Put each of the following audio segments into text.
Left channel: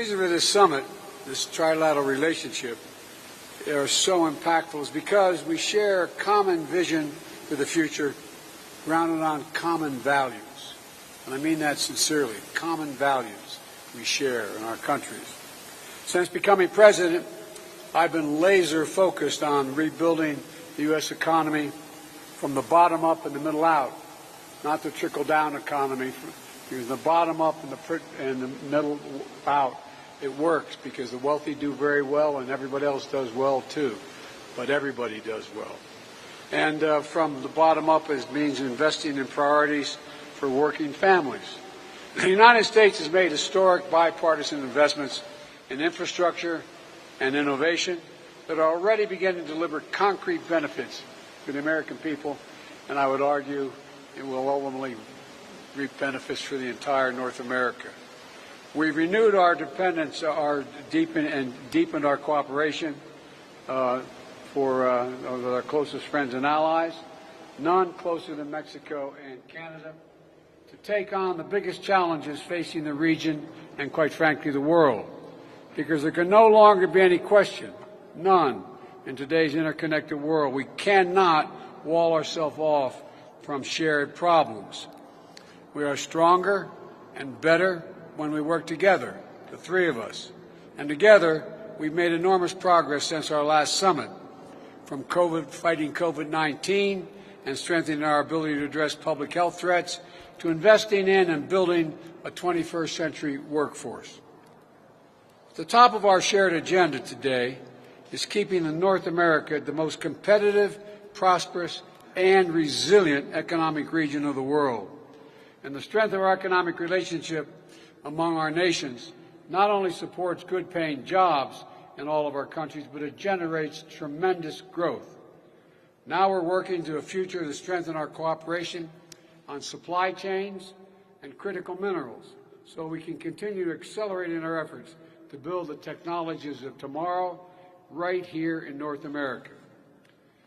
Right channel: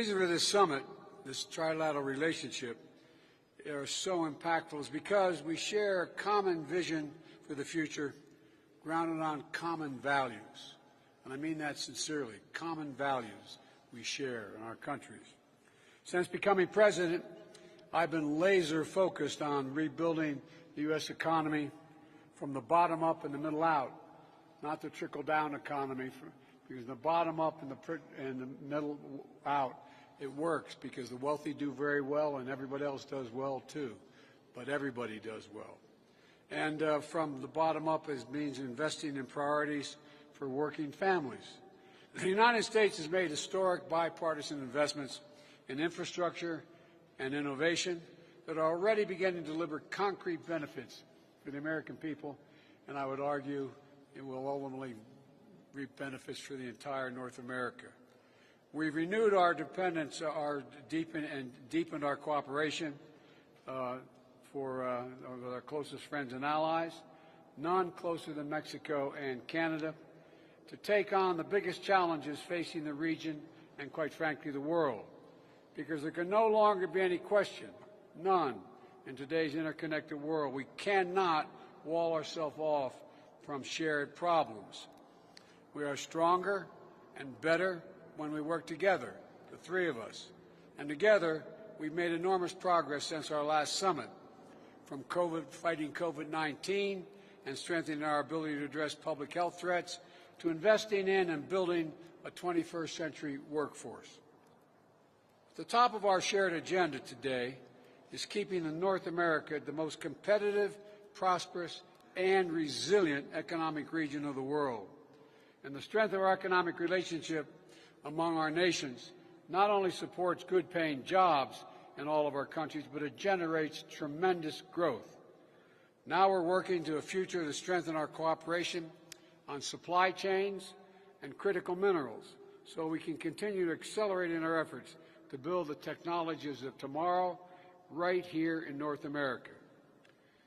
reason for this summit, this trilateral relationship, are so impactful is because we share a common vision for the future grounded on common values. And I mean that sincerely, common values we share in our countries. Since becoming president, I've been laser focused on rebuilding the U.S. economy from the bottom up and the middle out, not the trickle-down economy. Because the bottom up and the middle out, it works because the wealthy do very well and everybody else does well too. But everybody does well. And from the bottom up, it means investing in priorities for working families. The United States has made historic bipartisan investments in infrastructure and innovation that are already beginning to deliver concrete benefits to the American people, and I would argue it will ultimately reap benefits for the entire North America. We've renewed our dependence, deepened our cooperation with our closest friends and allies, none closer than Mexico and Canada, to take on the biggest challenges facing the region and, quite frankly, the world. Because there can no longer be any question, none, in today's interconnected world. We cannot wall ourselves off from shared problems. We are stronger and better when we work together, the three of us. And together, we've made enormous progress since our last summit, from fighting COVID-19 and strengthening our ability to address public health threats, to investing in and building a 21st century workforce. At the top of our shared agenda today is keeping North America the most competitive, prosperous, and resilient economic region of the world. And the strength of our economic relationship among our nations not only supports good-paying jobs in all of our countries, but it generates tremendous growth. Now we're working to a future to strengthen our cooperation on supply chains and critical minerals so we can continue to accelerate in our efforts to build the technologies of tomorrow right here in North America.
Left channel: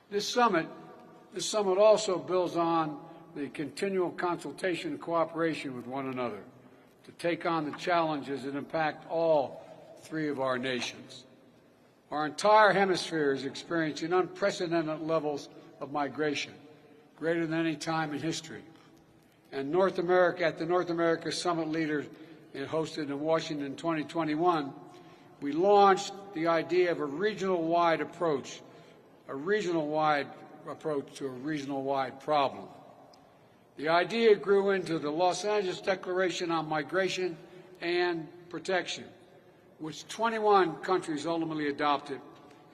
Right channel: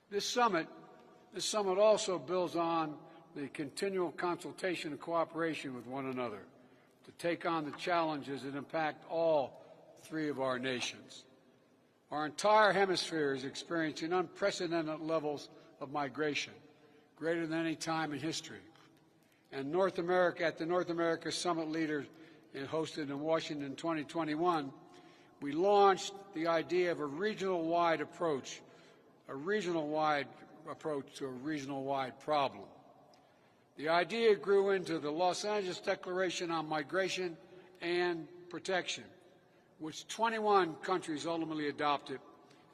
This summit also builds on the continual consultation and cooperation with one another to take on the challenges that impact all three of our nations. Our entire hemisphere is experiencing unprecedented levels of migration, greater than any time in history. And North America, at the North America Summit Leaders hosted in Washington in 2021, we launched the idea of a regional-wide approach to a regional-wide problem. The idea grew into the Los Angeles Declaration on Migration and Protection, which 21 countries ultimately adopted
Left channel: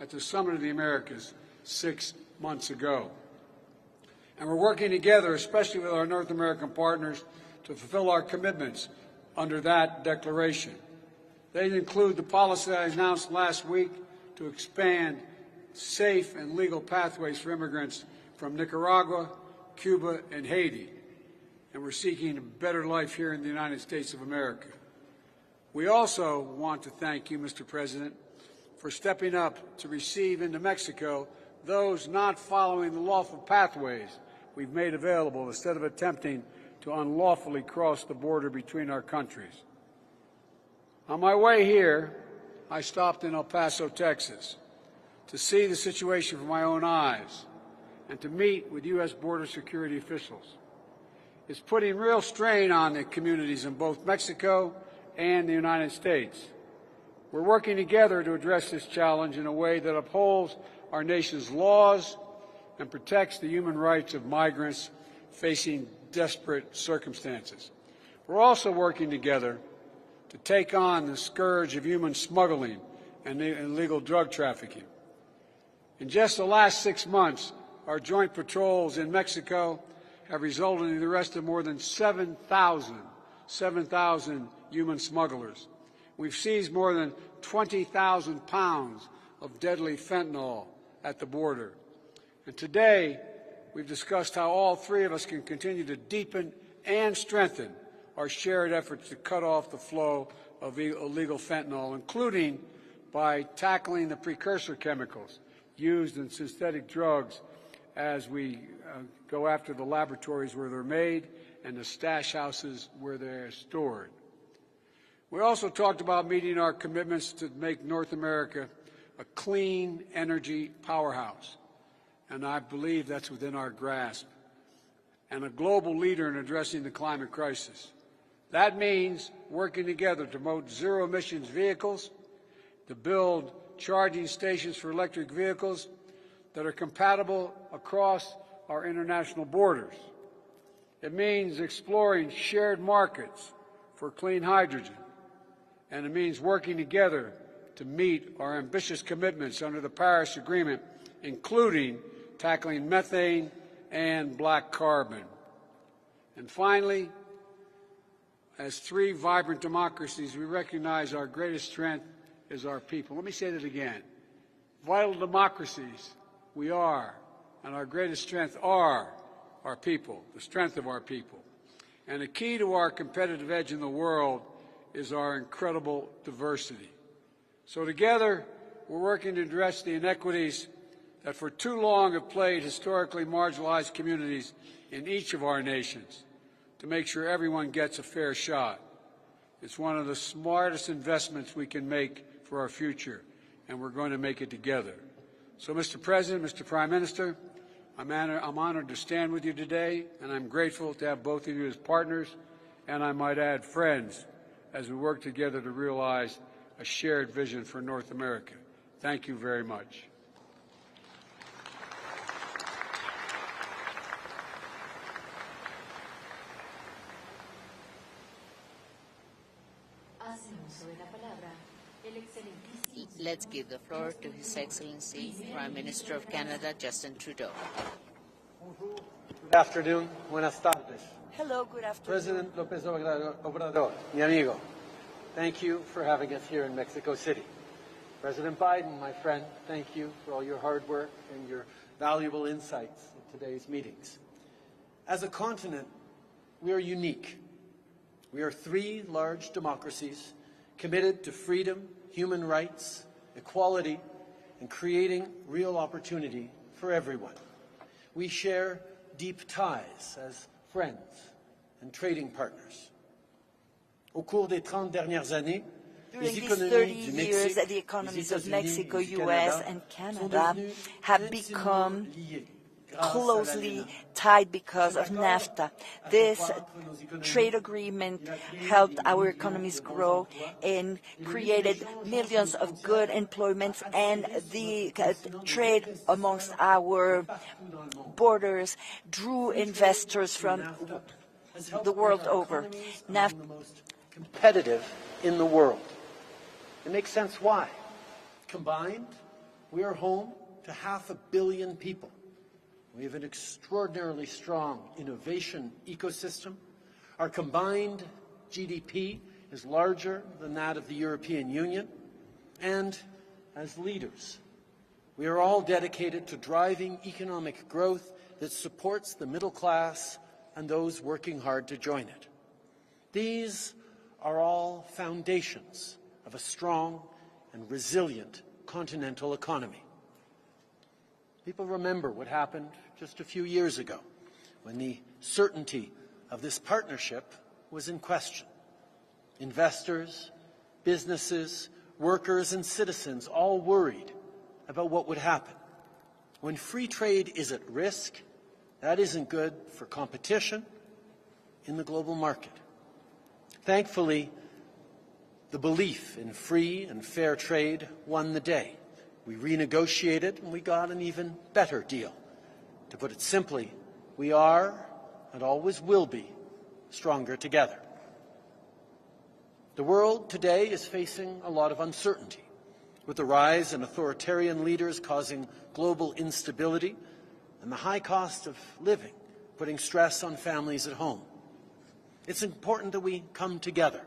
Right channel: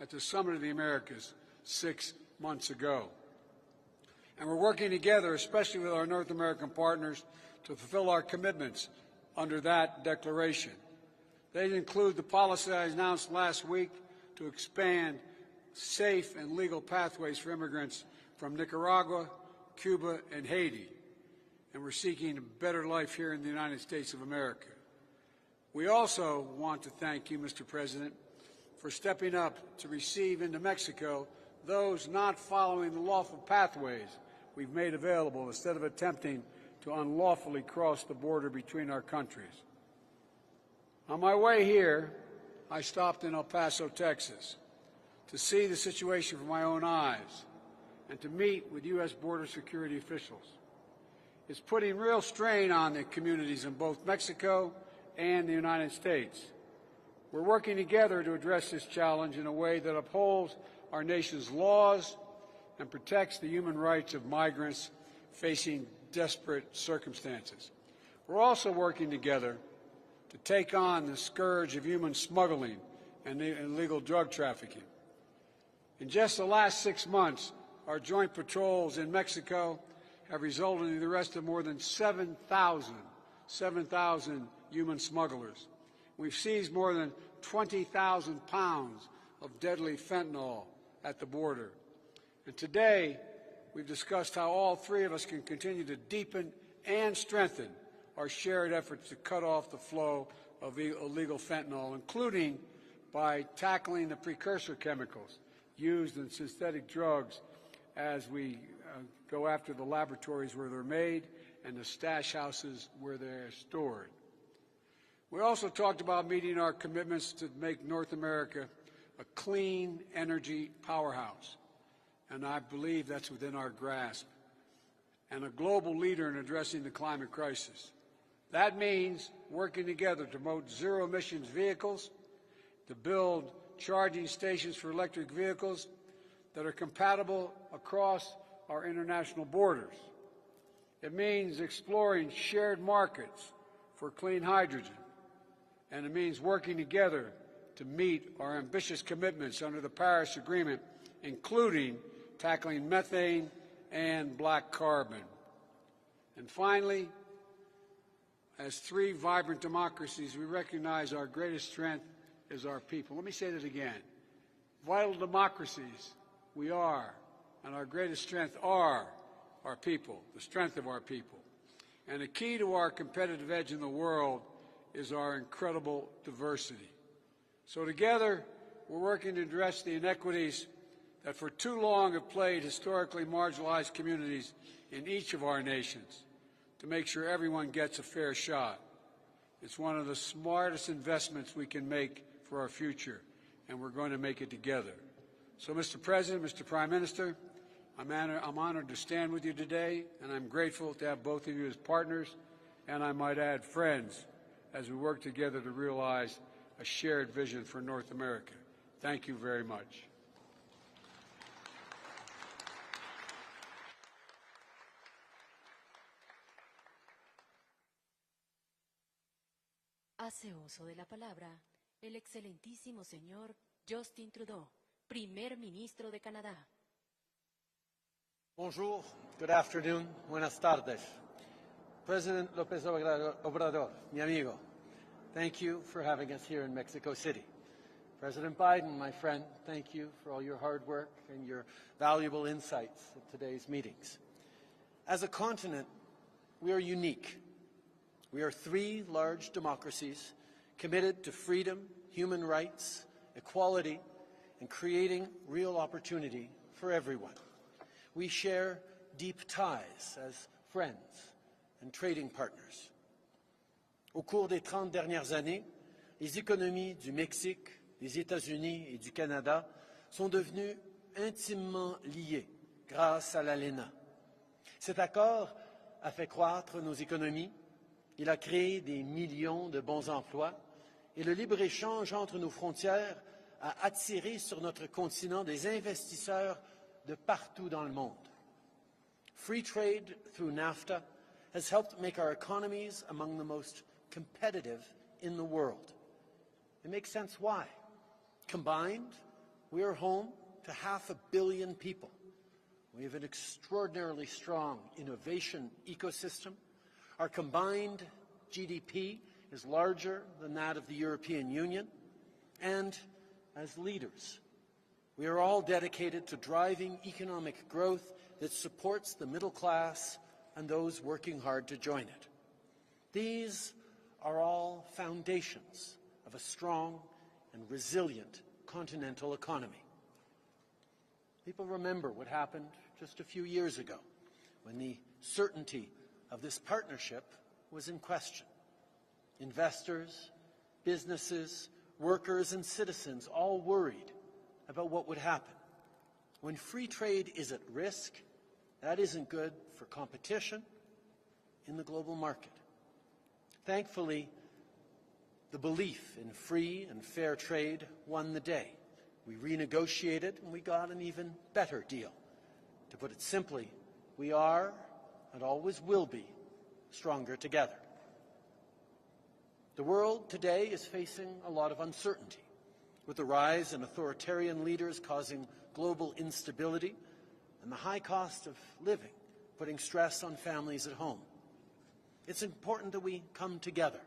at the Summit of the Americas 6 months ago. And we're working together, especially with our North American partners, to fulfill our commitments under that declaration. They include the policy I announced last week to expand safe and legal pathways for immigrants from Nicaragua, Cuba, and Haiti. And we're seeking a better life here in the United States of America. We also want to thank you, Mr. President, for stepping up to receive into Mexico those not following the lawful pathways we've made available instead of attempting to unlawfully cross the border between our countries. On my way here, I stopped in El Paso, Texas, to see the situation with my own eyes and to meet with U.S. border security officials. It's putting real strain on the communities in both Mexico and the United States. We're working together to address this challenge in a way that upholds our nation's laws and protects the human rights of migrants facing desperate circumstances. We're also working together to take on the scourge of human smuggling and illegal drug trafficking. In just the last 6 months, our joint patrols in Mexico have resulted in the arrest of more than 7,000 human smugglers. We've seized more than 20,000 pounds of deadly fentanyl at the border. And today, we've discussed how all three of us can continue to deepen and strengthen our shared efforts to cut off the flow of illegal fentanyl, including by tackling the precursor chemicals used in synthetic drugs as we go after the laboratories where they're made and the stash houses where they're stored. We also talked about meeting our commitments to make North America a clean energy powerhouse, and I believe that's within our grasp, and a global leader in addressing the climate crisis. That means working together to promote zero-emissions vehicles, to build charging stations for electric vehicles that are compatible across our international borders. It means exploring shared markets for clean hydrogen, and it means working together to meet our ambitious commitments under the Paris Agreement, including tackling methane and black carbon. And finally, as three vibrant democracies, we recognize our greatest strength is our people. Let me say that again. Vital democracies we are, and our greatest strength are our people, the strength of our people. And the key to our competitive edge in the world is our incredible diversity. So together, we're working to address the inequities that for too long have plagued historically marginalized communities in each of our nations, to make sure everyone gets a fair shot. It's one of the smartest investments we can make for our future, and we're going to make it together. So, Mr. President, Mr. Prime Minister, I'm honored to stand with you today, and I'm grateful to have both of you as partners, and I might add friends, as we work together to realize a shared vision for North America. Thank you very much. Let's give the floor to His Excellency, Prime Minister of Canada, Justin Trudeau. Bonjour, good afternoon, buenas tardes. Hello, good afternoon. President López Obrador, mi amigo, thank you for having us here in Mexico City. President Biden, my friend, thank you for all your hard work and your valuable insights at today's meetings. As a continent, we are unique. We are three large democracies committed to freedom, human rights, equality, and creating real opportunity for everyone. We share deep ties as friends and trading partners. Au cours des 30 dernières années, les économies du Mexique, des États-Unis et du Canada sont devenues intimement liées grâce à l'ALENA. Tied because of NAFTA. This trade agreement helped our economies grow and created millions of good employments, and the trade amongst our borders drew investors from the world over. NAFTA the most competitive in the world. It makes sense why. Combined, we are home to 500 million people. We have an extraordinarily strong innovation ecosystem. Our combined GDP is larger than that of the European Union. And as leaders, we are all dedicated to driving economic growth that supports the middle class and those working hard to join it. These are all foundations of a strong and resilient continental economy. People remember what happened just a few years ago when the certainty of this partnership was in question. Investors, businesses, workers, and citizens all worried about what would happen. When free trade is at risk, that isn't good for competition in the global market. Thankfully, the belief in free and fair trade won the day. We renegotiated and we got an even better deal. To put it simply, we are, and always will be, stronger together. The world today is facing a lot of uncertainty, with the rise in authoritarian leaders causing global instability and the high cost of living putting stress on families at home. It's important that we come together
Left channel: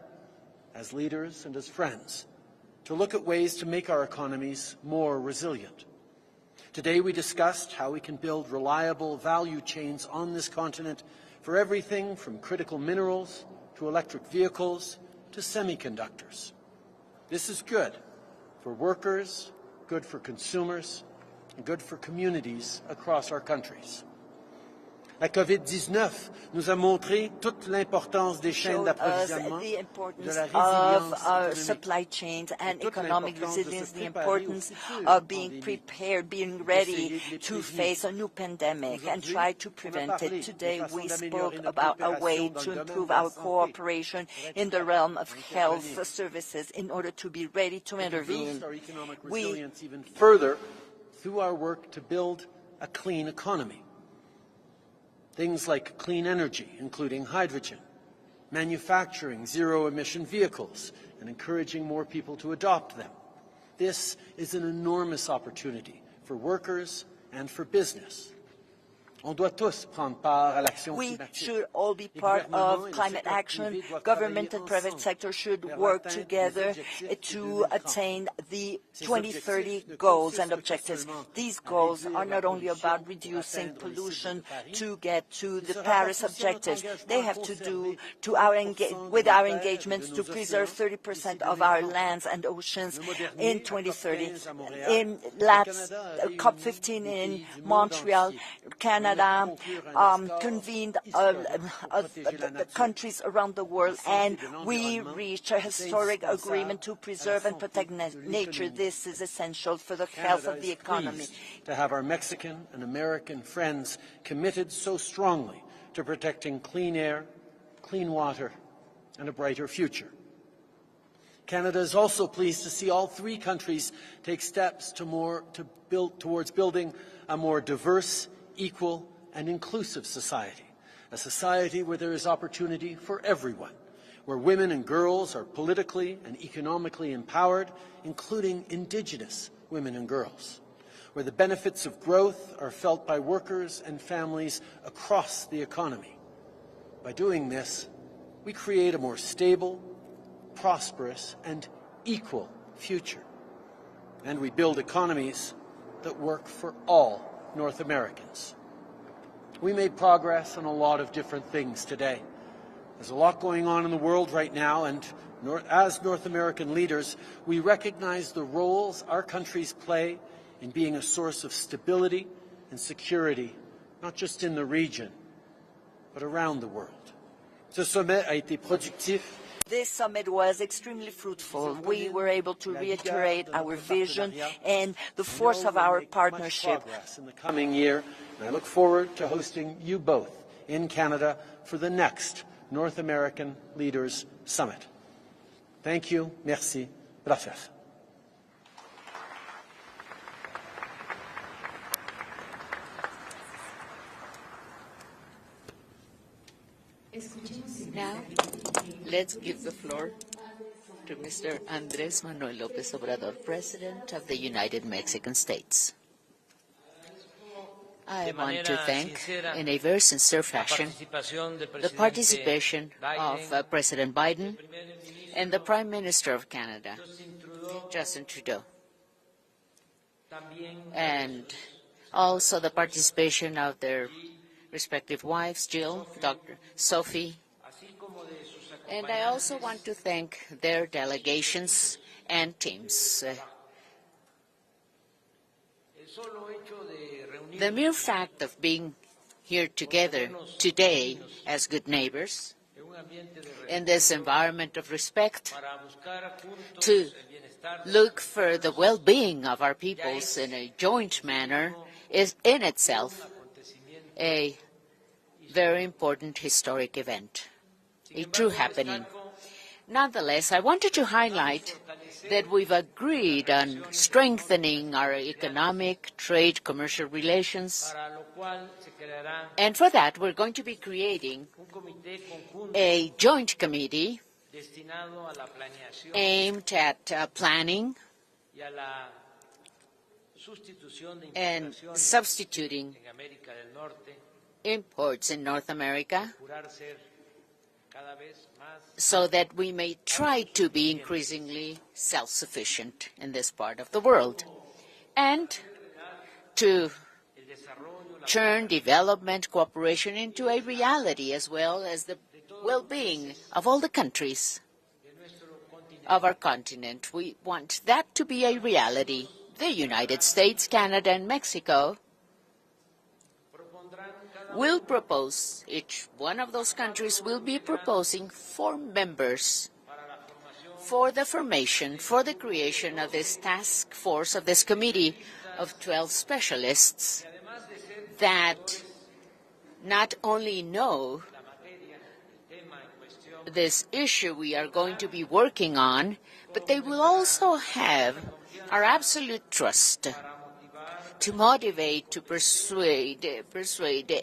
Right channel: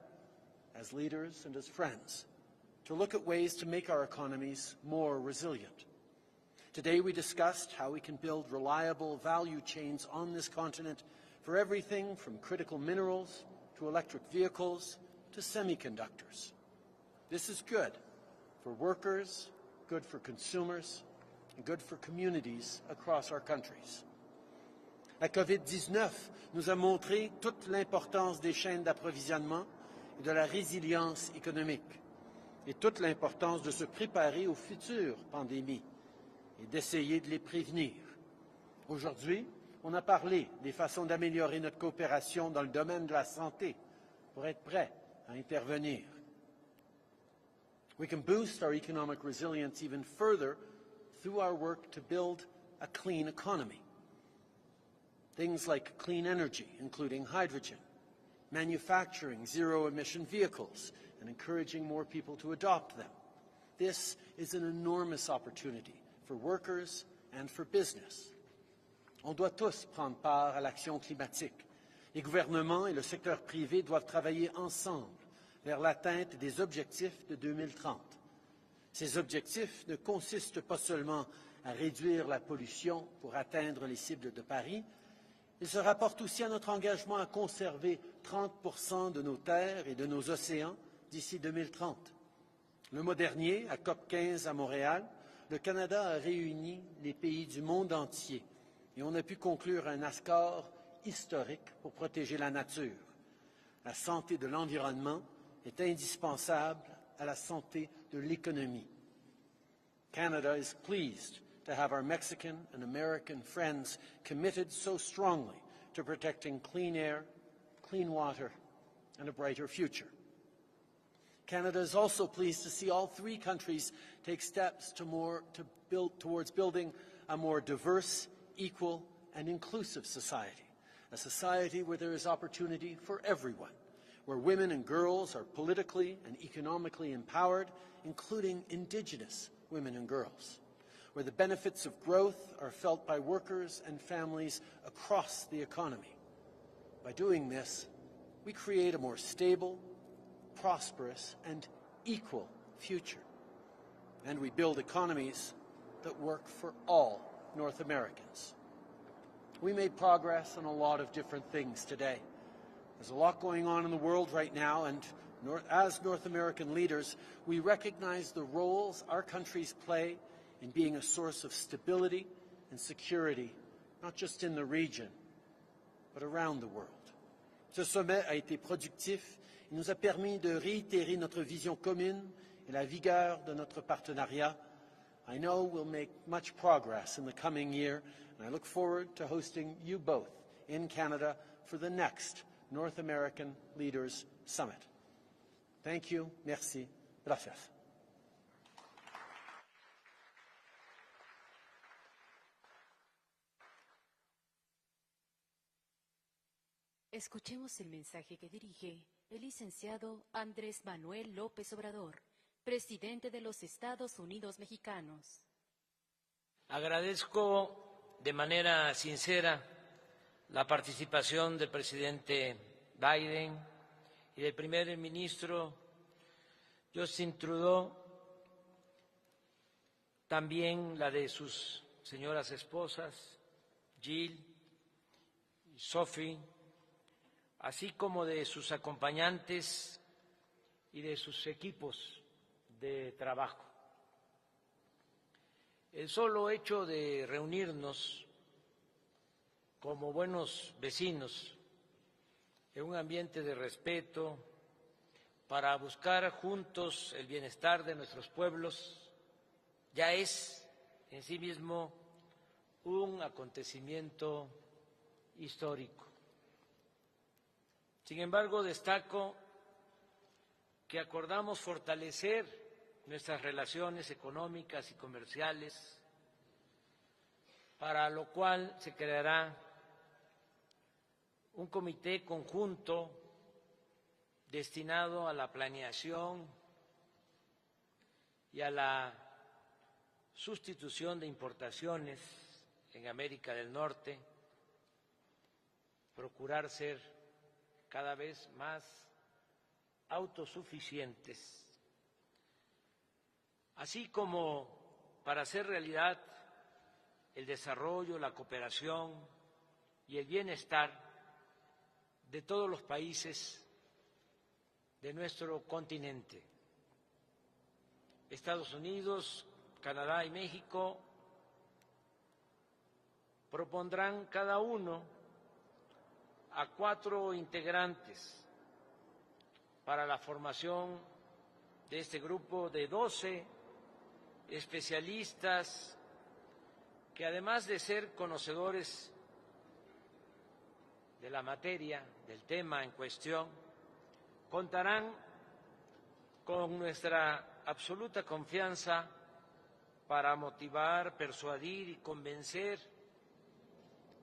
as leaders and as friends to look at ways to make our economies more resilient. Today we discussed how we can build reliable value chains on this continent for everything from critical minerals to electric vehicles to semiconductors. This is good for workers, good for consumers, and good for communities across our countries. La COVID-19 nous a montré toute l'importance des chaînes d'approvisionnement, de la résilience économique, et toute l'importance de se préparer aux futures pandémies, d'essayer de les prévenir. Aujourd'hui, on a parlé des façons d'améliorer notre coopération dans le domaine de la santé pour être prêt à intervenir. We can boost our economic resilience even further through our work to build a clean economy. Things like clean energy, including hydrogen, manufacturing zero-emission vehicles, and encouraging more people to adopt them. This is an enormous opportunity for workers and for business. On doit tous prendre part à l'action climatique. We should all be Les part gouvernements of et le climate secteur action. privé doivent Government travailler and private ensemble sector should vers work l'atteinte des together objectifs de to 2030. attain the Ces 2030 objectifs ne goals consistent and pas objectives. seulement These à goals réduire are la not only pollution about pour reducing atteindre les cibles de pollution Paris, to get to mais the ce Paris rapporte aussi à notre objectives. engagement They à have to conserver do to our 30% with de our nos terres et engagements de to nos preserve océans 30% d'ici of our 2030. lands and oceans Le mois dernier, in à 2030. COP15 à Montréal, In le Canada a réuni COP15 des in pays du monde Montreal, entier. Canada On a pu conclure un accord convened historique pour protéger la nature, countries around the world, la santé and de we l'environnement reached a est historic indispensable agreement to à la preserve and santé protect de nature. l'économie. This is essential for the health Canada of the is economy. pleased to have our Mexican and American friends committed so strongly to protecting clean air, clean water, and a brighter future. Canada is also pleased to see all three countries take steps towards building a more diverse, equal, and inclusive society, a society where there is opportunity for everyone, where women and girls are politically and economically empowered, including Indigenous women and girls, where the benefits of growth are felt by workers and families across the economy. By doing this, we create a more stable, prosperous, and equal future. And we build economies that work for all North Americans. We made progress on a lot of different things today. There's a lot going on in the world right now, and as North American leaders, we recognize the roles our countries play in being a source of stability and security, not just in the region, but around the world. Ce sommet a été productif. This summit was extremely fruitful. We were able to reiterate our vision and the force of our partnership. Much progress in the coming year, and I look forward to hosting you both in Canada for the next North American Leaders Summit. Thank you. Merci. Gracias. Now, let's give the floor to Mr. Andrés Manuel López Obrador, President of the United Mexican States. I want to thank, in a very sincere fashion, the participation of President Biden and the Prime Minister of Canada, Justin Trudeau, and also the participation of their respective wives, Jill, Dr. Sophie, and I also want to thank their delegations and teams. The mere fact of being here together today as good neighbors in this environment of respect to look for the well-being of our peoples in a joint manner is in itself a very important historic event, a true happening. Nonetheless, I wanted to highlight that we've agreed on strengthening our economic, trade, commercial relations, and for that we're going to be creating a joint committee aimed at planning and substituting imports in North America so that we may try to be increasingly self-sufficient in this part of the world and to turn development cooperation into a reality as well as the well-being of all the countries of our continent. We want that to be a reality. The United States, Canada, and Mexico will propose, each one of those countries will be proposing 4 members for the formation, for the creation of this task force, of this committee of 12 specialists that not only know this issue we are going to be working on, but they will also have our absolute trust to motivate, to persuade,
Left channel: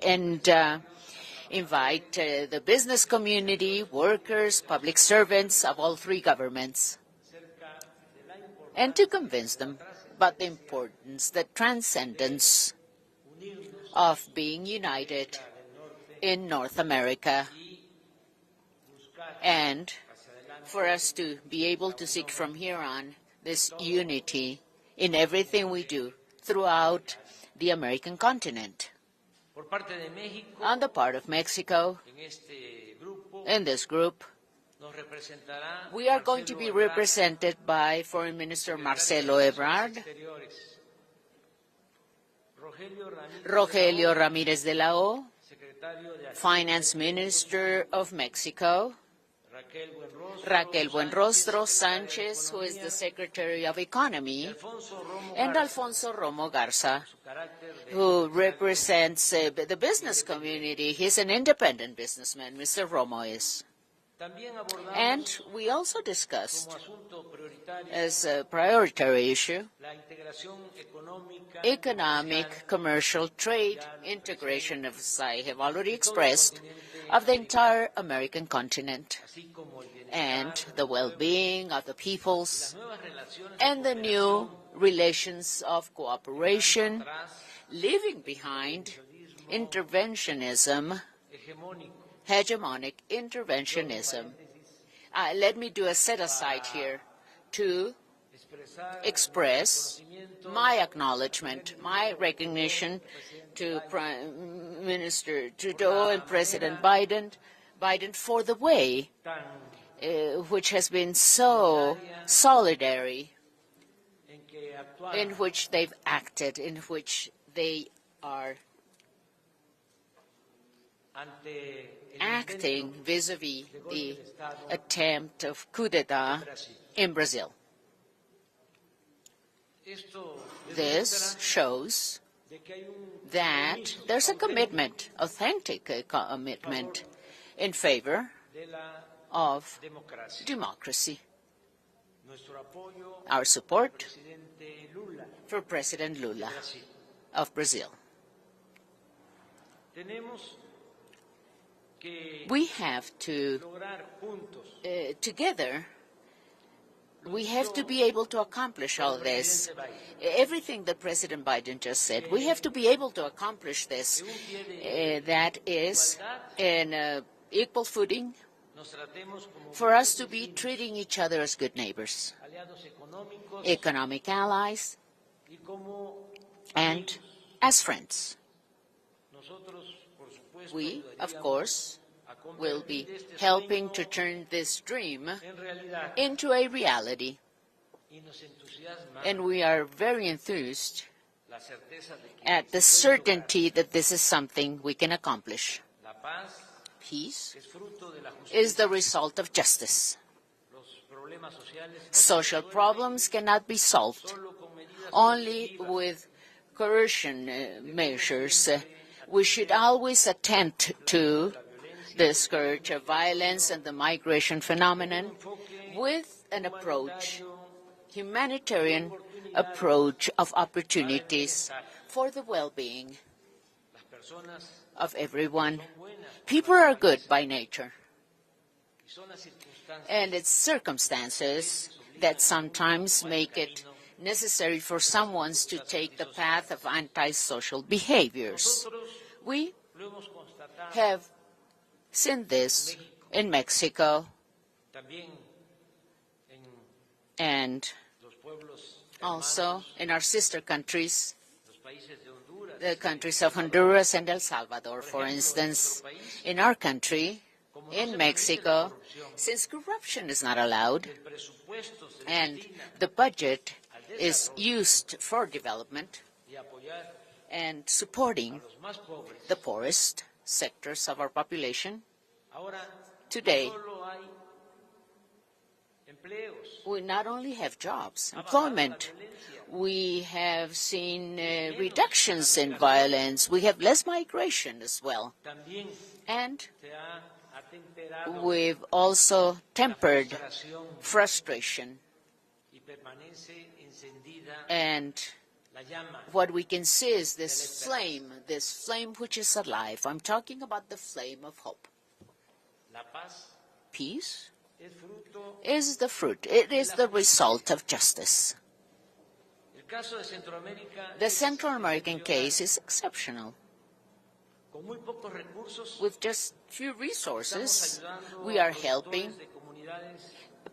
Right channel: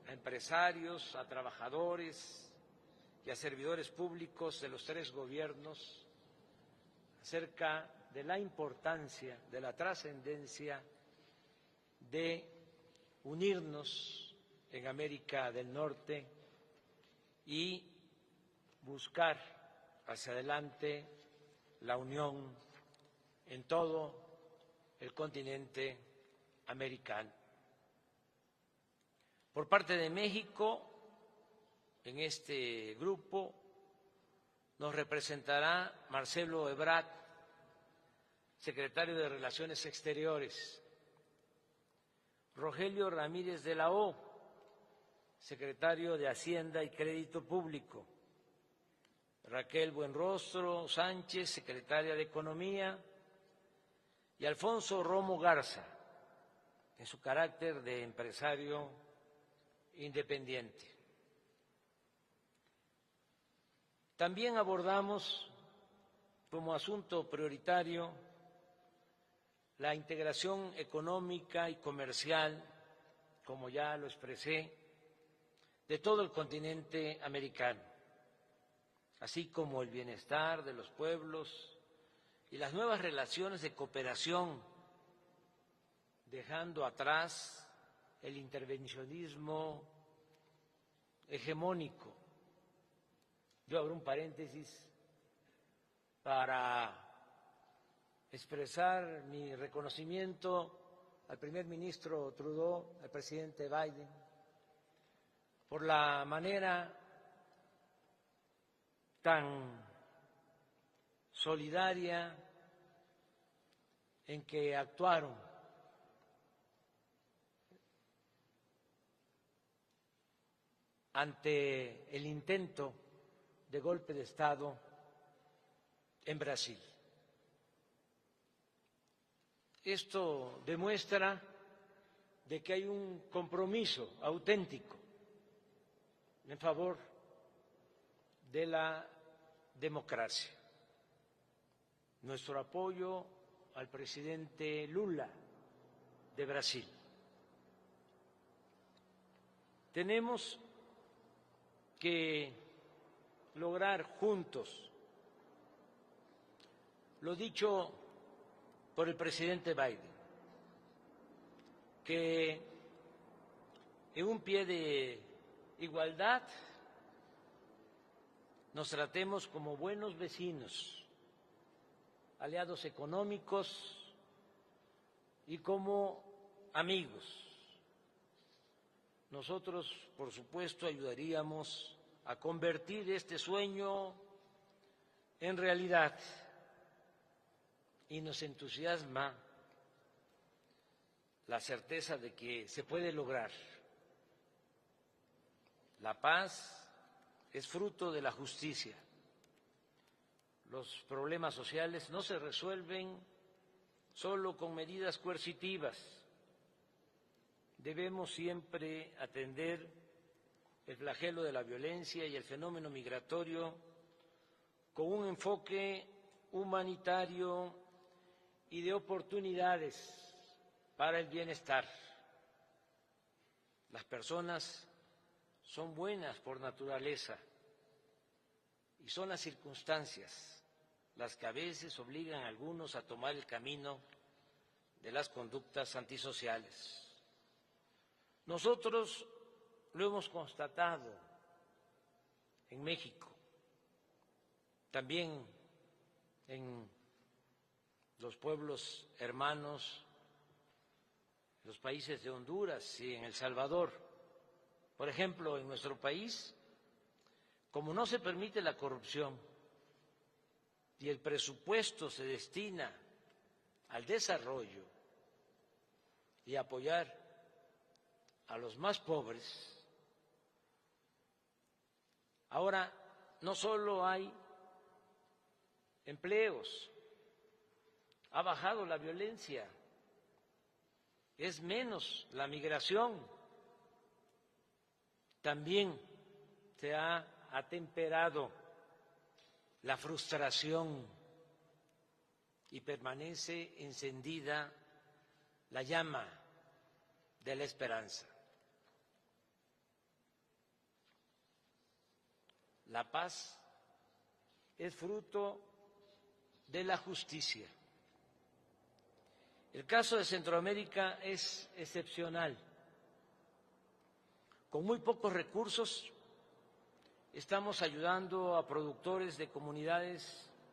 and invite the business community, workers, public servants of all 3 governments, and to convince them about the importance, the transcendence of being united in North America, and for us to be able to seek from here on this unity in everything we do throughout the American continent. On the part of Mexico, in this group, we are going to be represented by Foreign Minister Marcelo Ebrard, Rogelio Ramírez de la O, Finance Minister of Mexico, Raquel Buenrostro Sanchez, who is the Secretary of Economy, and Alfonso Romo Garza, who represents the business community. He's an independent businessman, Mr. Romo is. And we also discussed, as a priority issue, economic, commercial, trade, integration, as I have already expressed, of the entire American continent, and the well-being of the peoples, and the new relations of cooperation, leaving behind interventionism, hegemonic interventionism. Let me do a set-aside here to express my acknowledgement, my recognition to Prime Minister Trudeau and President Biden for the way which has been so solidary, in which they've acted, in which they are acting vis-à-vis the attempt of coup d'etat in Brazil. This shows that there's a commitment, authentic commitment, in favor of democracy. Our support for President Lula of Brazil. We have to, together, we have to be able to accomplish all this. Everything that President Biden just said, we have to be able to accomplish this. That is, in equal footing, for us to be treating each other as good neighbors, economic allies, and as friends. We, of course, will be helping to turn this dream into a reality. And we are very enthused at the certainty that this is something we can accomplish. Peace is the result of justice. Social problems cannot be solved only with coercion measures. We should always attend to the scourge of violence and the migration phenomenon with an approach, humanitarian approach of opportunities for the well-being of everyone. People are good by nature. And it's circumstances that sometimes make it necessary for someone to take the path of antisocial behaviors. We have seen this in Mexico and also in our sister countries, the countries of Honduras and El Salvador, for instance. In our country, in Mexico, since corruption is not allowed and the budget is used for development and supporting a los más pobres, the poorest sectors of our population. ahora Today, no solo hay empleos, we not only have jobs, ha bajado la employment, violencia, we have seen Es menos reductions la in migración. violence. We have less migration as well. también And se ha atemperado we've also la tempered frustración frustration. y permanece encendida And la llama. what we can see is De la this esperanza. flame which is alive. I'm talking about the flame of hope. La paz Peace es fruto. is the fruit. It De is la the justicia. result of justice. El caso de Centroamérica The es Central American excepcional. case is exceptional. Con muy pocos recursos With just few estamos resources, ayudando we a are helping productores de comunidades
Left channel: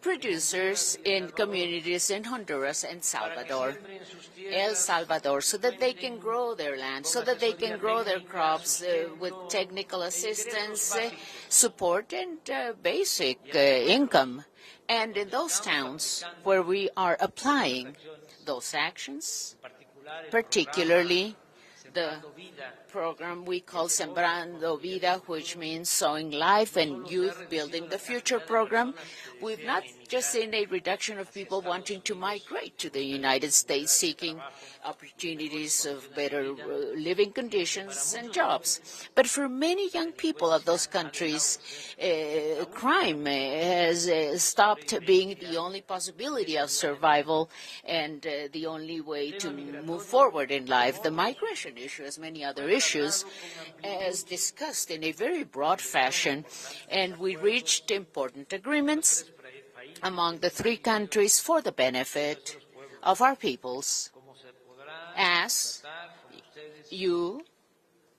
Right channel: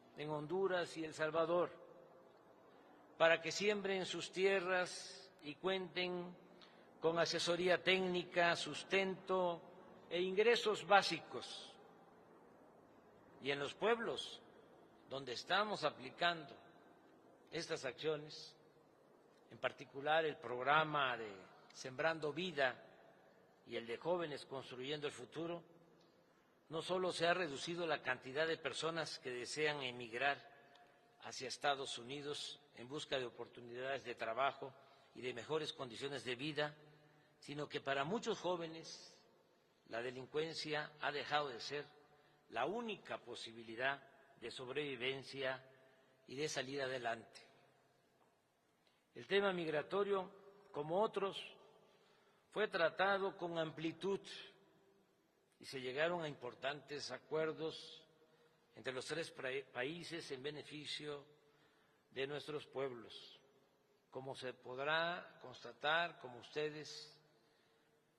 producers en Honduras y El in Salvador communities in Honduras and para que Salvador, siembren sus El tierras Salvador, so y that they can cuenten grow their land, con so that they can asesoría grow their técnica, crops with sustento technical e ingresos assistance, básicos. support, and basic Y en los pueblos income. And in donde those estamos towns aplicando where we are applying estas acciones, those actions, en particular el particularly programa Sembrando Vida, program we el call de jóvenes Sembrando construyendo Vida, el which futuro, means sowing life no and solo se ha youth reducido building la the future cantidad de program. personas que We've desean not emigrar just seen a reduction of hacia people Estados wanting to Unidos migrate to en the busca de United States oportunidades de seeking trabajo y de opportunities mejores of condiciones de better vida, living sino que conditions para and muchos jobs. jóvenes But for many la young people of those delincuencia ha countries, dejado de ser la única crime has posibilidad stopped de being sobrevivencia the only y de possibility of salida survival and the only way El to tema move migratorio, forward in life. como The otros, migration issue, as many other fue issues, tratado con as amplitud. discussed in a very broad Se llegaron a fashion, importantes and we acuerdos reached important de los agreements tres países among en the three beneficio countries for the de benefit nuestros pueblos. of our peoples. Como se podrá As constatar, como ustedes you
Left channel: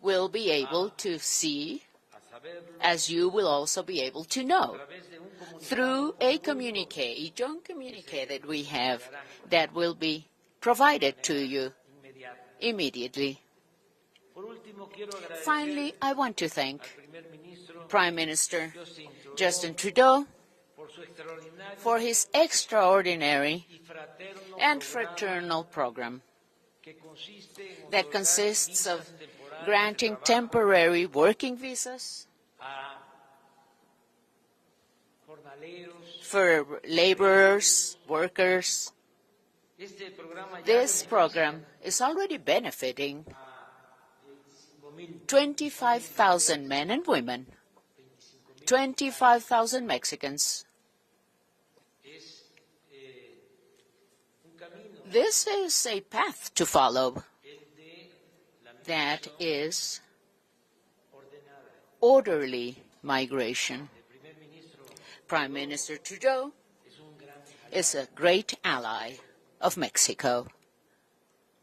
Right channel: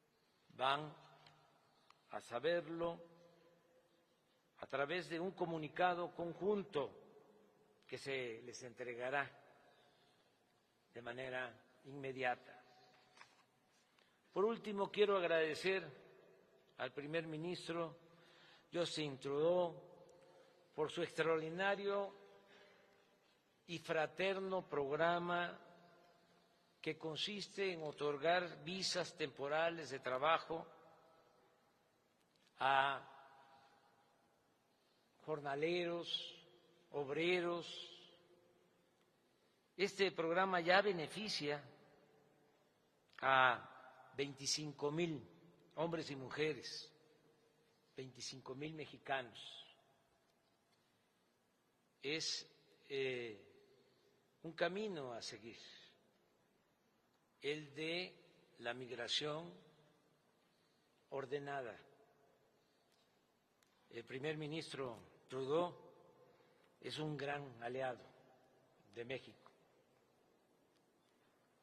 will be able to see, a saberlo, as you will also be able to a know, través de un through comunicado a conjunto communique, a joint communique se that we les have entregará that will be de provided to manera you inmediata. immediately. Por último, quiero Finally, agradecer I want to thank al primer ministro Prime Minister Justin Justin Trudeau por su extraordinario for his extraordinary y fraterno and programa fraternal program que consiste en that otorgar consists of visas temporales de granting trabajo temporary working visas a jornaleros. for laborers, workers. Este programa ya This beneficia program is already benefiting a 25,000 25,000 men and women, 25,000 25,000 Mexicans. Es un camino This is a path to follow el de la that migración is ordenada. orderly migration. El primer ministro Prime Trudeau Minister Trudeau es un gran is aliado. a great ally of Mexico.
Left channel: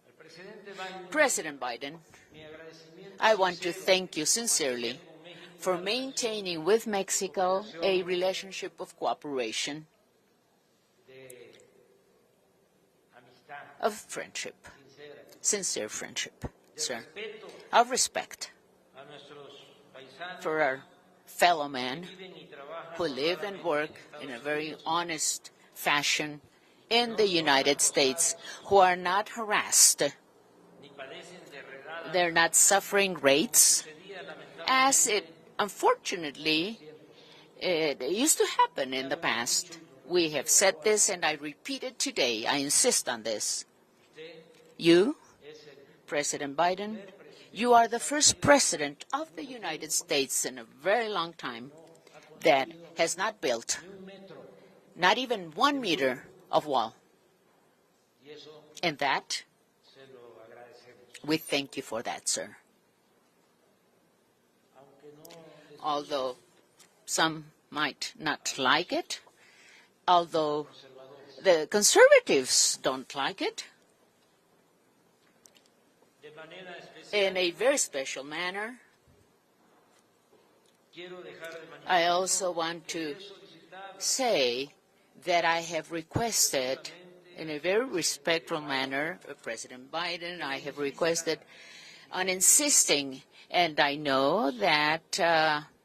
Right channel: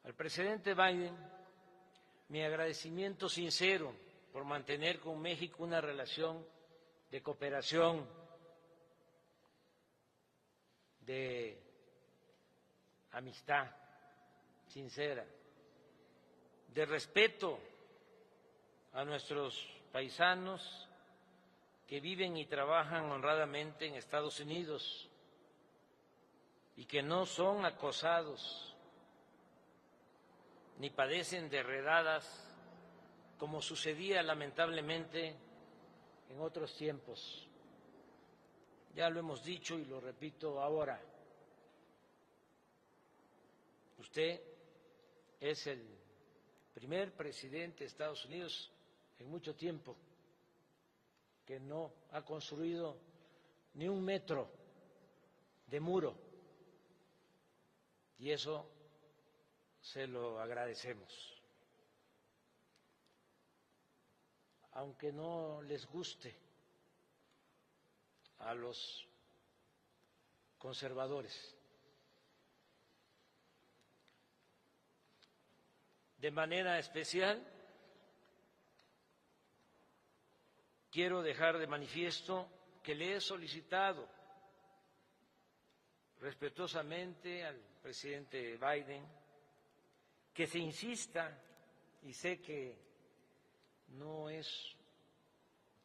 Al presidente Biden, President Biden, mi agradecimiento I want to sincero thank you por sincerely mantener con México for una relación maintaining with Mexico a cooperación, relationship of cooperation, de amistad of friendship, sincera, sincere friendship, de sir, respeto of respect a nuestros paisanos for our fellow que men viven y trabajan who live and honradamente work en Estados in a very Unidos honest fashion y que in no the son United States, acosados who are not harassed, ni padecen de redadas they're not suffering como rates, sucedía as it lamentablemente en unfortunately otros tiempos. it used to happen in Ya the lo hemos past. dicho y lo We have repito said ahora. this and I repeat it today. I insist on this. Usted You, es el President Biden, primer presidente you are de the Estados first Unidos president of en the mucho United tiempo States in a very long que time no ha that construido has not built ni un metro, not even 1 meter of wall. y eso And that, se lo agradecemos. we thank you for that, sir. Aunque no les guste, Although some might not A los like it, although conservadores. the conservatives don't like it, De manera in especial, a very special manner, quiero dejar de I also manifiesto want que le he to solicitado say that I have requested respetuosamente in al a very presidente respectful Biden manner, President Biden, que I se have insista requested y on sé que insisting, and I know that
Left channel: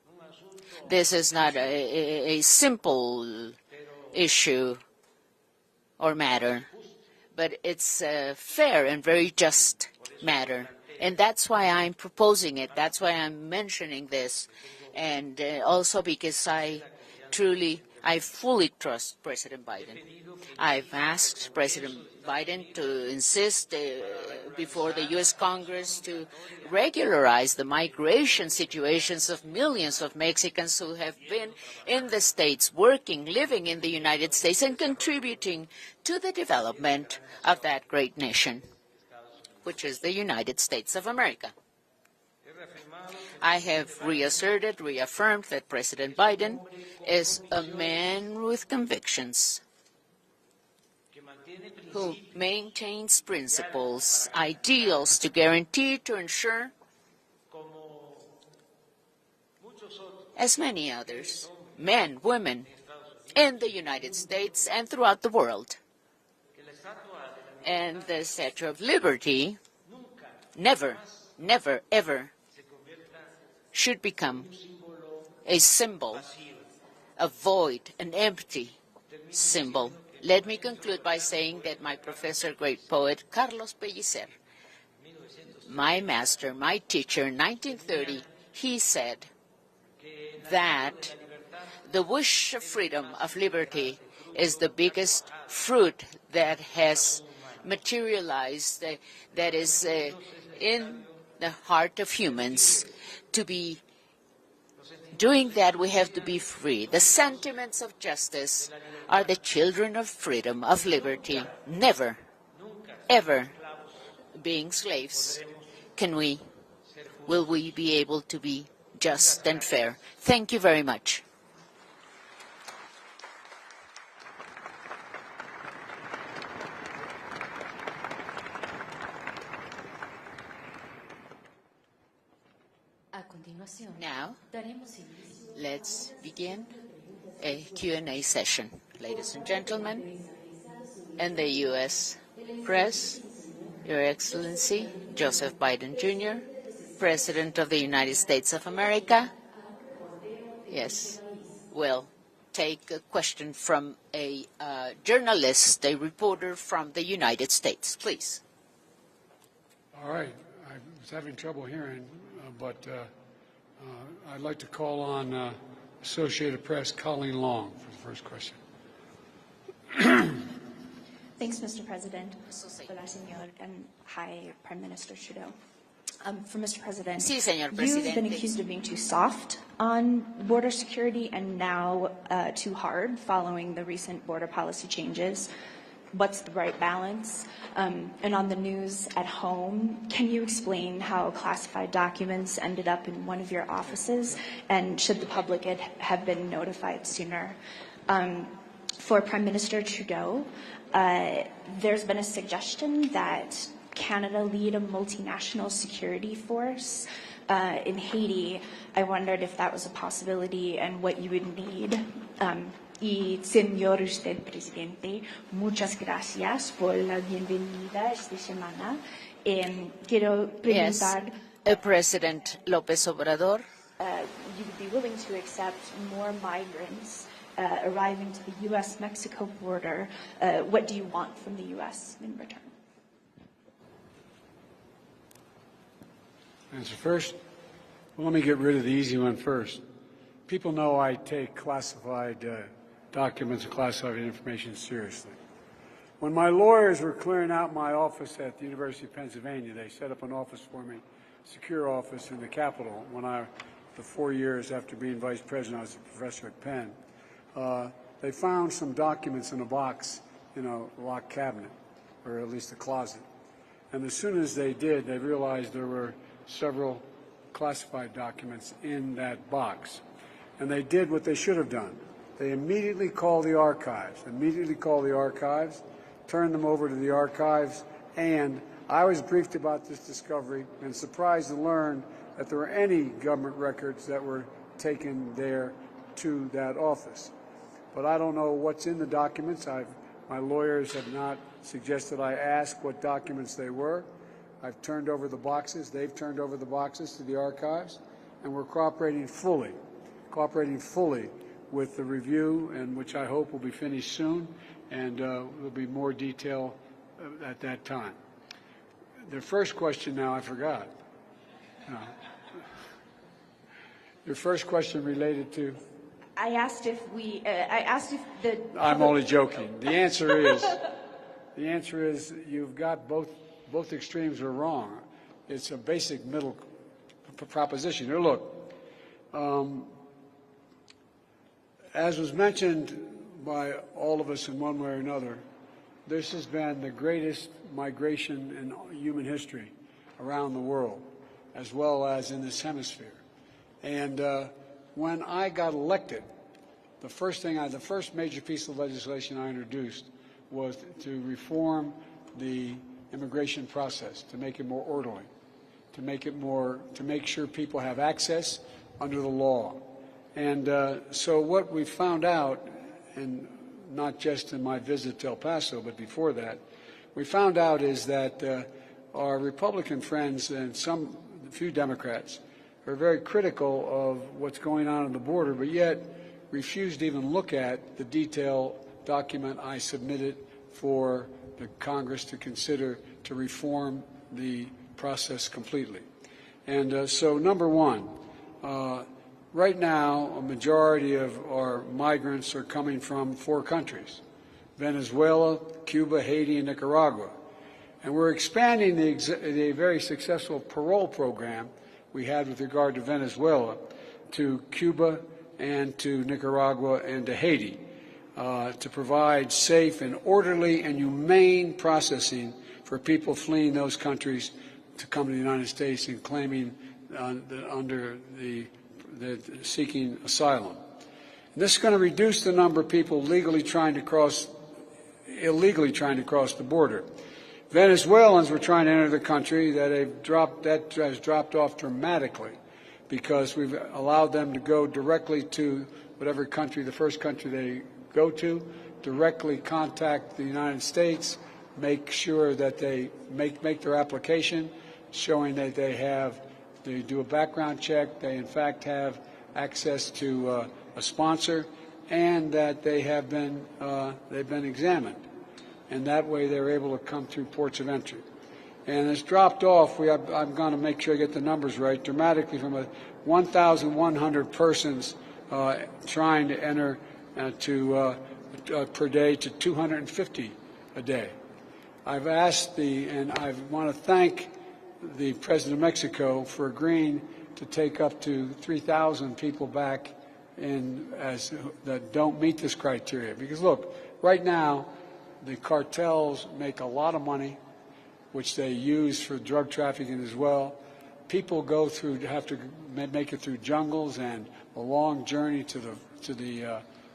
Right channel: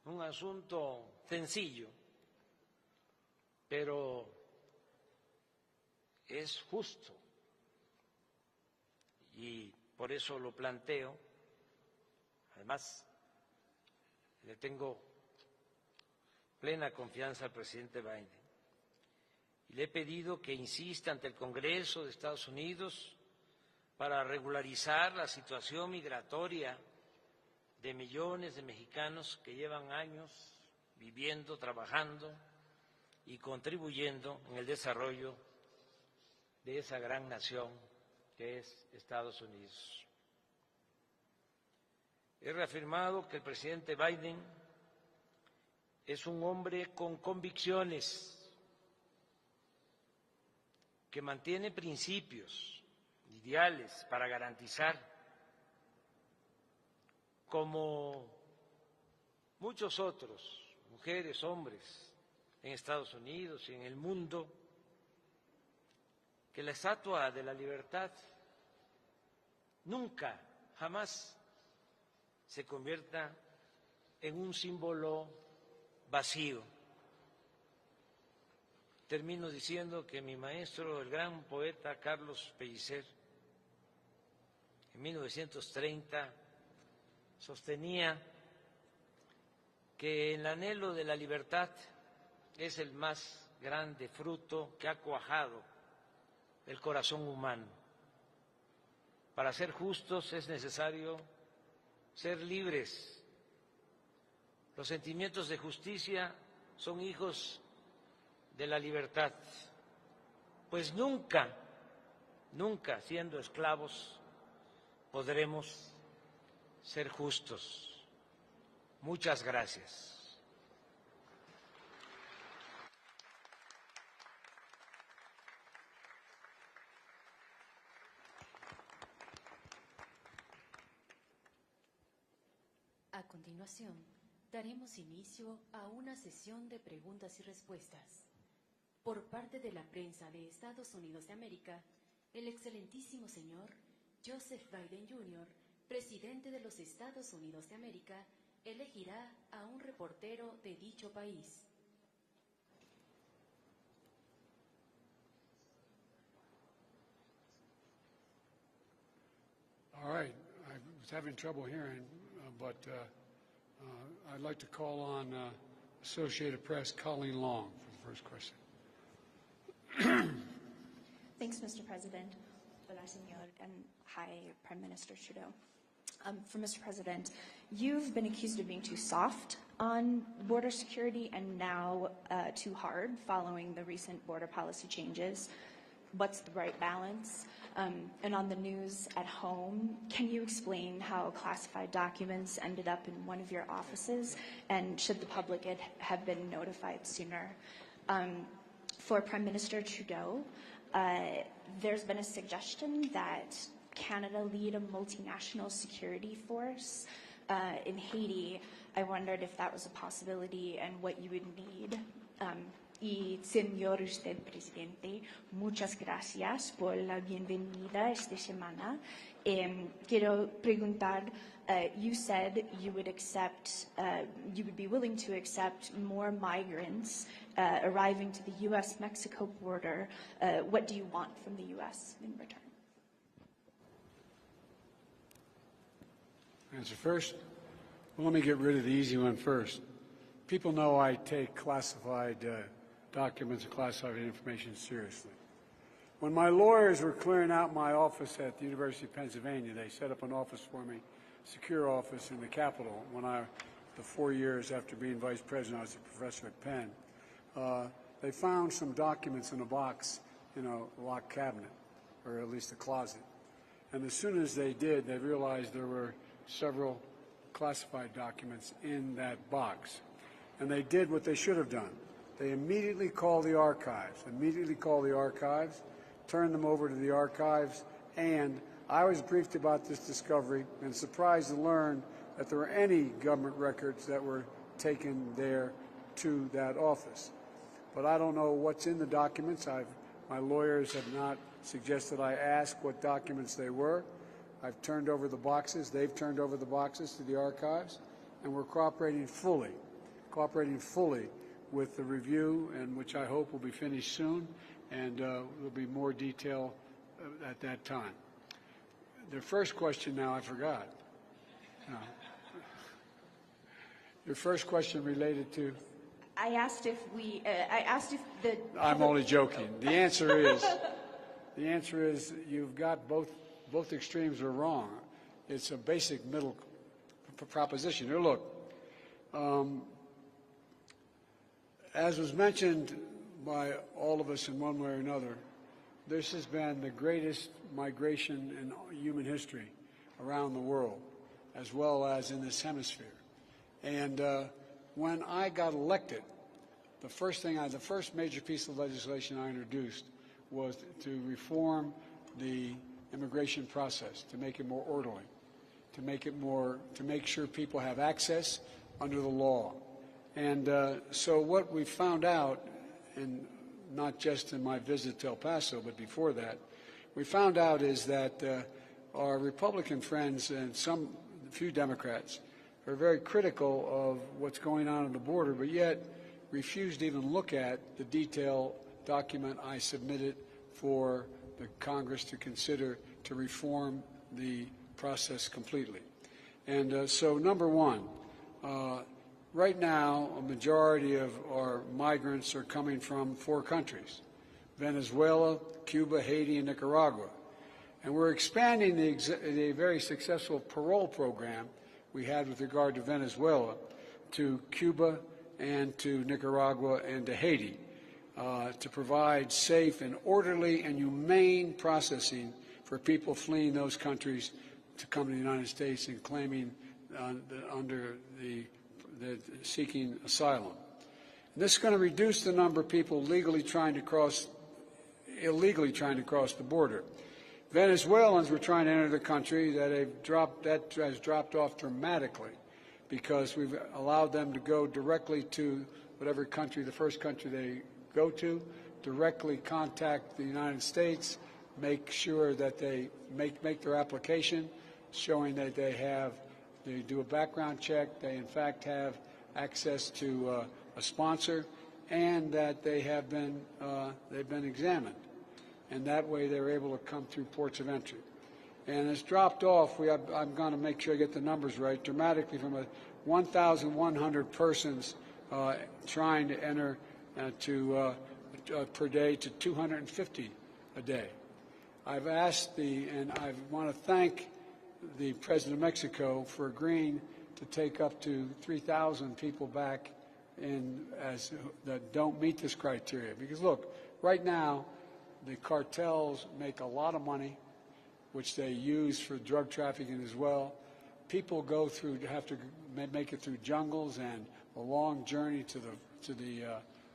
un asunto this is not sencillo, a simple pero issue or matter, justo. but it's a fair and very just matter. And that's why I'm proposing it. That's why I'm mentioning this. And also because I fully trust President Biden. I've asked President Biden to insist before the U.S. Congress to regularize the migration situations of millions of Mexicans who have been in the States, working, living in the United States, and contributing to the development of that great nation, which is the United States of America. I have reaffirmed that President Biden is a man with convictions who maintains principles, ideals to guarantee, to ensure, as many others, men, women, in the United States and throughout the world. And the Statue of Liberty never, never, ever should become a symbol, a void, an empty symbol. Let me conclude by saying that my professor, great poet, Carlos Pellicer, my master, my teacher in 1930, he said that the wish of freedom, of liberty, is the biggest fruit that has materialized, that is in the heart of humans. To be doing that, we have to be free. The sentiments of justice are the children of freedom, of liberty. Never, ever being slaves will we be able to be just and fair. Thank you very much. Now, let's begin a Q&A session. Ladies and gentlemen, and the U.S. press, Your Excellency, Joseph Biden Jr., President of the United States of America. Yes, we'll take a question from a journalist, a reporter from the United States. Please. All right. I was having trouble hearing, but I'd like to call on Associated Press, Colleen Long, for the first question. Thanks, Mr. President. Hola, señor, and hi, Prime Minister Trudeau. For Mr. President, Sí, señor you've Presidente. been accused of being too soft on border security and now too hard following the recent border policy changes. What's the right balance? And on the news at home, can you explain how classified documents ended up in one of your offices, and should the public have been notified sooner? For Prime Minister Trudeau, there's been a suggestion that Canada lead a multinational security force in Haiti. I wondered if that was a possibility and what you would need. Y señor usted presidente, muchas gracias por la bienvenida esta semana. Quiero preguntar. President López Obrador. You would be willing to accept more migrants arriving to the U.S.-Mexico border. What do you want from the U.S. in return? Answer first. Well, let me get rid of the easy one first. People know I take classified documents and classified information seriously. When my lawyers were clearing out my office at the University of Pennsylvania, they set up an office for me, secure office in the Capitol. The 4 years after being vice president, I was a professor at Penn. They found some documents in a box in a locked cabinet, or at least a closet. And as soon as they did, they realized there were several classified documents in that box. And they did what they should have done. They immediately called the archives, turned them over to the archives, and I was briefed about this discovery and surprised to learn that there were any government records that were taken there to that office. But I don't know what's in the documents. My lawyers have not suggested I ask what documents they were. I've turned over the boxes. They've turned over the boxes to the archives, and we're cooperating fully with the review, and which I hope will be finished soon, and there'll be more detail at that time. The first question now I forgot. Your first question related to? I asked if the. I'm only joking. The answer is you've got both extremes are wrong. It's a basic middle proposition. Here, look, as was mentioned by all of us in one way or another, this has been the greatest migration in human history around the world, as well as in this hemisphere. And when I got elected, the first major piece of legislation I introduced was to reform the immigration process, to make it more orderly, to make sure people have access under the law. And so what we found out, and not just in my visit to El Paso, but before that, we found out is that our Republican friends and a few Democrats are very critical of what's going on the border, but yet refuse to even look at the detailed document I submitted for the Congress to consider to reform the process completely. And so, number one, right now, a majority of our migrants are coming from 4 countries: Venezuela, Cuba, Haiti, and Nicaragua. And we're expanding the very successful parole program we had with regard to Venezuela to Cuba and to Nicaragua and to Haiti to provide safe and orderly and humane processing for people fleeing those countries to come to the United States and claiming seeking asylum. And this is going to reduce the number of people illegally trying to cross the border. Venezuelans were trying to enter the country that has dropped off dramatically because we've allowed them to go directly to whatever country, the first country they go to, directly contact the United States, make sure that they make their application, showing that they do a background check, they in fact have access to a sponsor, and that they've been examined. And that way they're able to come through ports of entry. And it's dropped off, I'm going to make sure I get the numbers right, dramatically from 1,100 persons trying to enter per day to 250 a day. I've asked and I want to thank the President of Mexico for agreeing to take up to 3,000 people back that don't meet this criteria. Because look, right now, the cartels make a lot of money, which they use for drug trafficking as well. People have to make it through jungles and a long journey to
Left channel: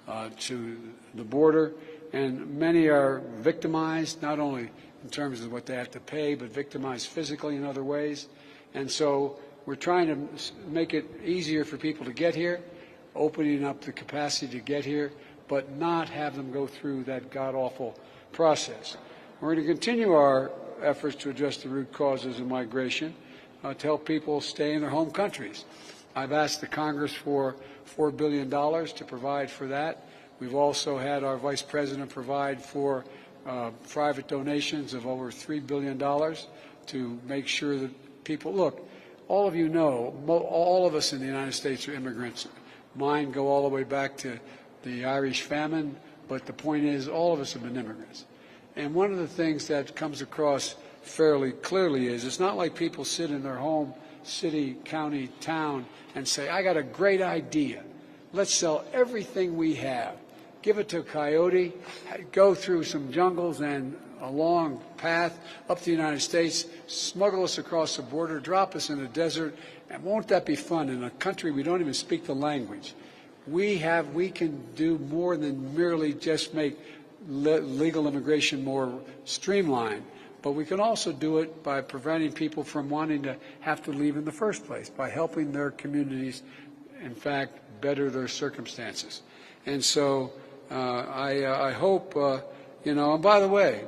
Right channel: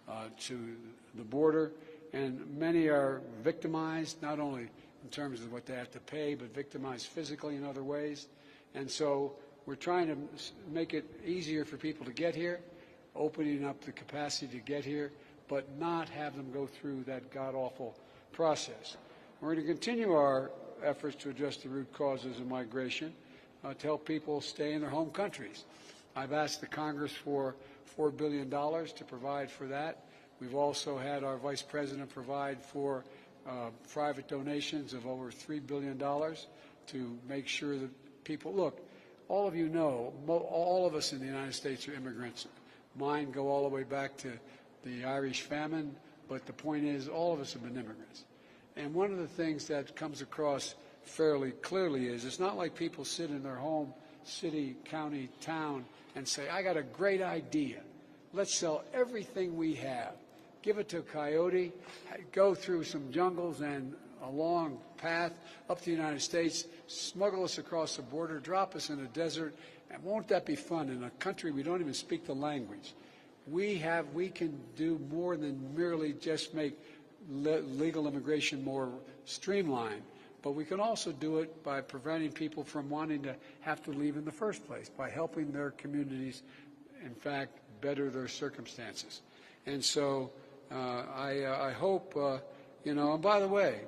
the border, and many are victimized, not only in terms of what they have to pay, but victimized physically in other ways. And so we're trying to make it easier for people to get here, opening up the capacity to get here, but not have them go through that god-awful process. We're going to continue our efforts to address the root causes of migration to help people stay in their home countries. I've asked the Congress for $4 billion to provide for that. We've also had our Vice President provide for private donations of over $3 billion to make sure that people, look, all of you know, all of us in the United States are immigrants. Mine go all the way back to the Irish famine, but the point is all of us have been immigrants. And one of the things that comes across fairly clearly is it's not like people sit in their home, city, county, town, and say, I got a great idea. Let's sell everything we have. Give it to a coyote, go through some jungles and a long path up to the United States, smuggle us across the border, drop us in the desert, and won't that be fun in a country we don't even speak the language? We can do more than merely just make legal immigration more streamlined, but we can also do it by preventing people from wanting to have to leave in the first place, by helping their communities, in fact, better their circumstances. And so I hope, and by the way,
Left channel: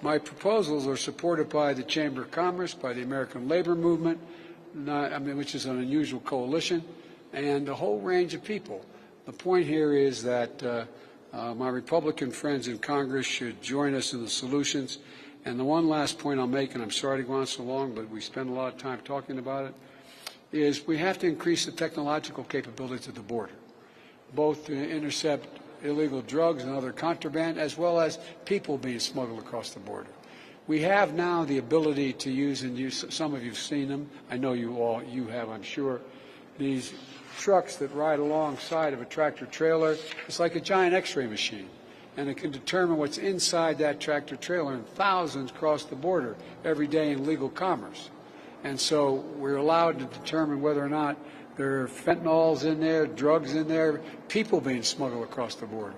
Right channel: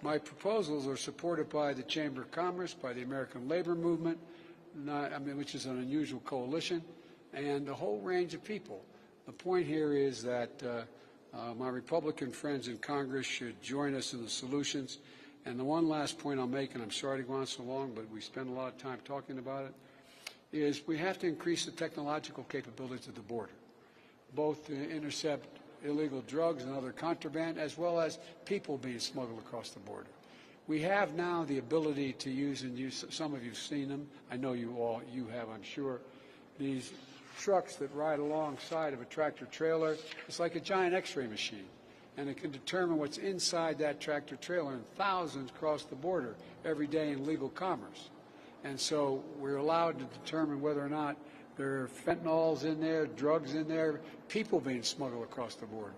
my proposals are supported by the Chamber of Commerce, by the American Labor Movement, which is an unusual coalition, and a whole range of people. The point here is that my Republican friends in Congress should join us in the solutions, And the one last point I'll make, and I'm sorry to go on so long, but we spend a lot of time talking about it, is we have to increase the technological capabilities of the border, both to intercept illegal drugs and other contraband, as well as people being smuggled across the border. We have now the ability to use, and some of you've seen them, I know you have, I'm sure, these trucks that ride alongside of a tractor trailer. It's like a giant x-ray machine, and it can determine what's inside that tractor trailer, and thousands cross the border every day in legal commerce. And so we're allowed to determine whether or not there are fentanyls in there, drugs in there, people being smuggled across the border.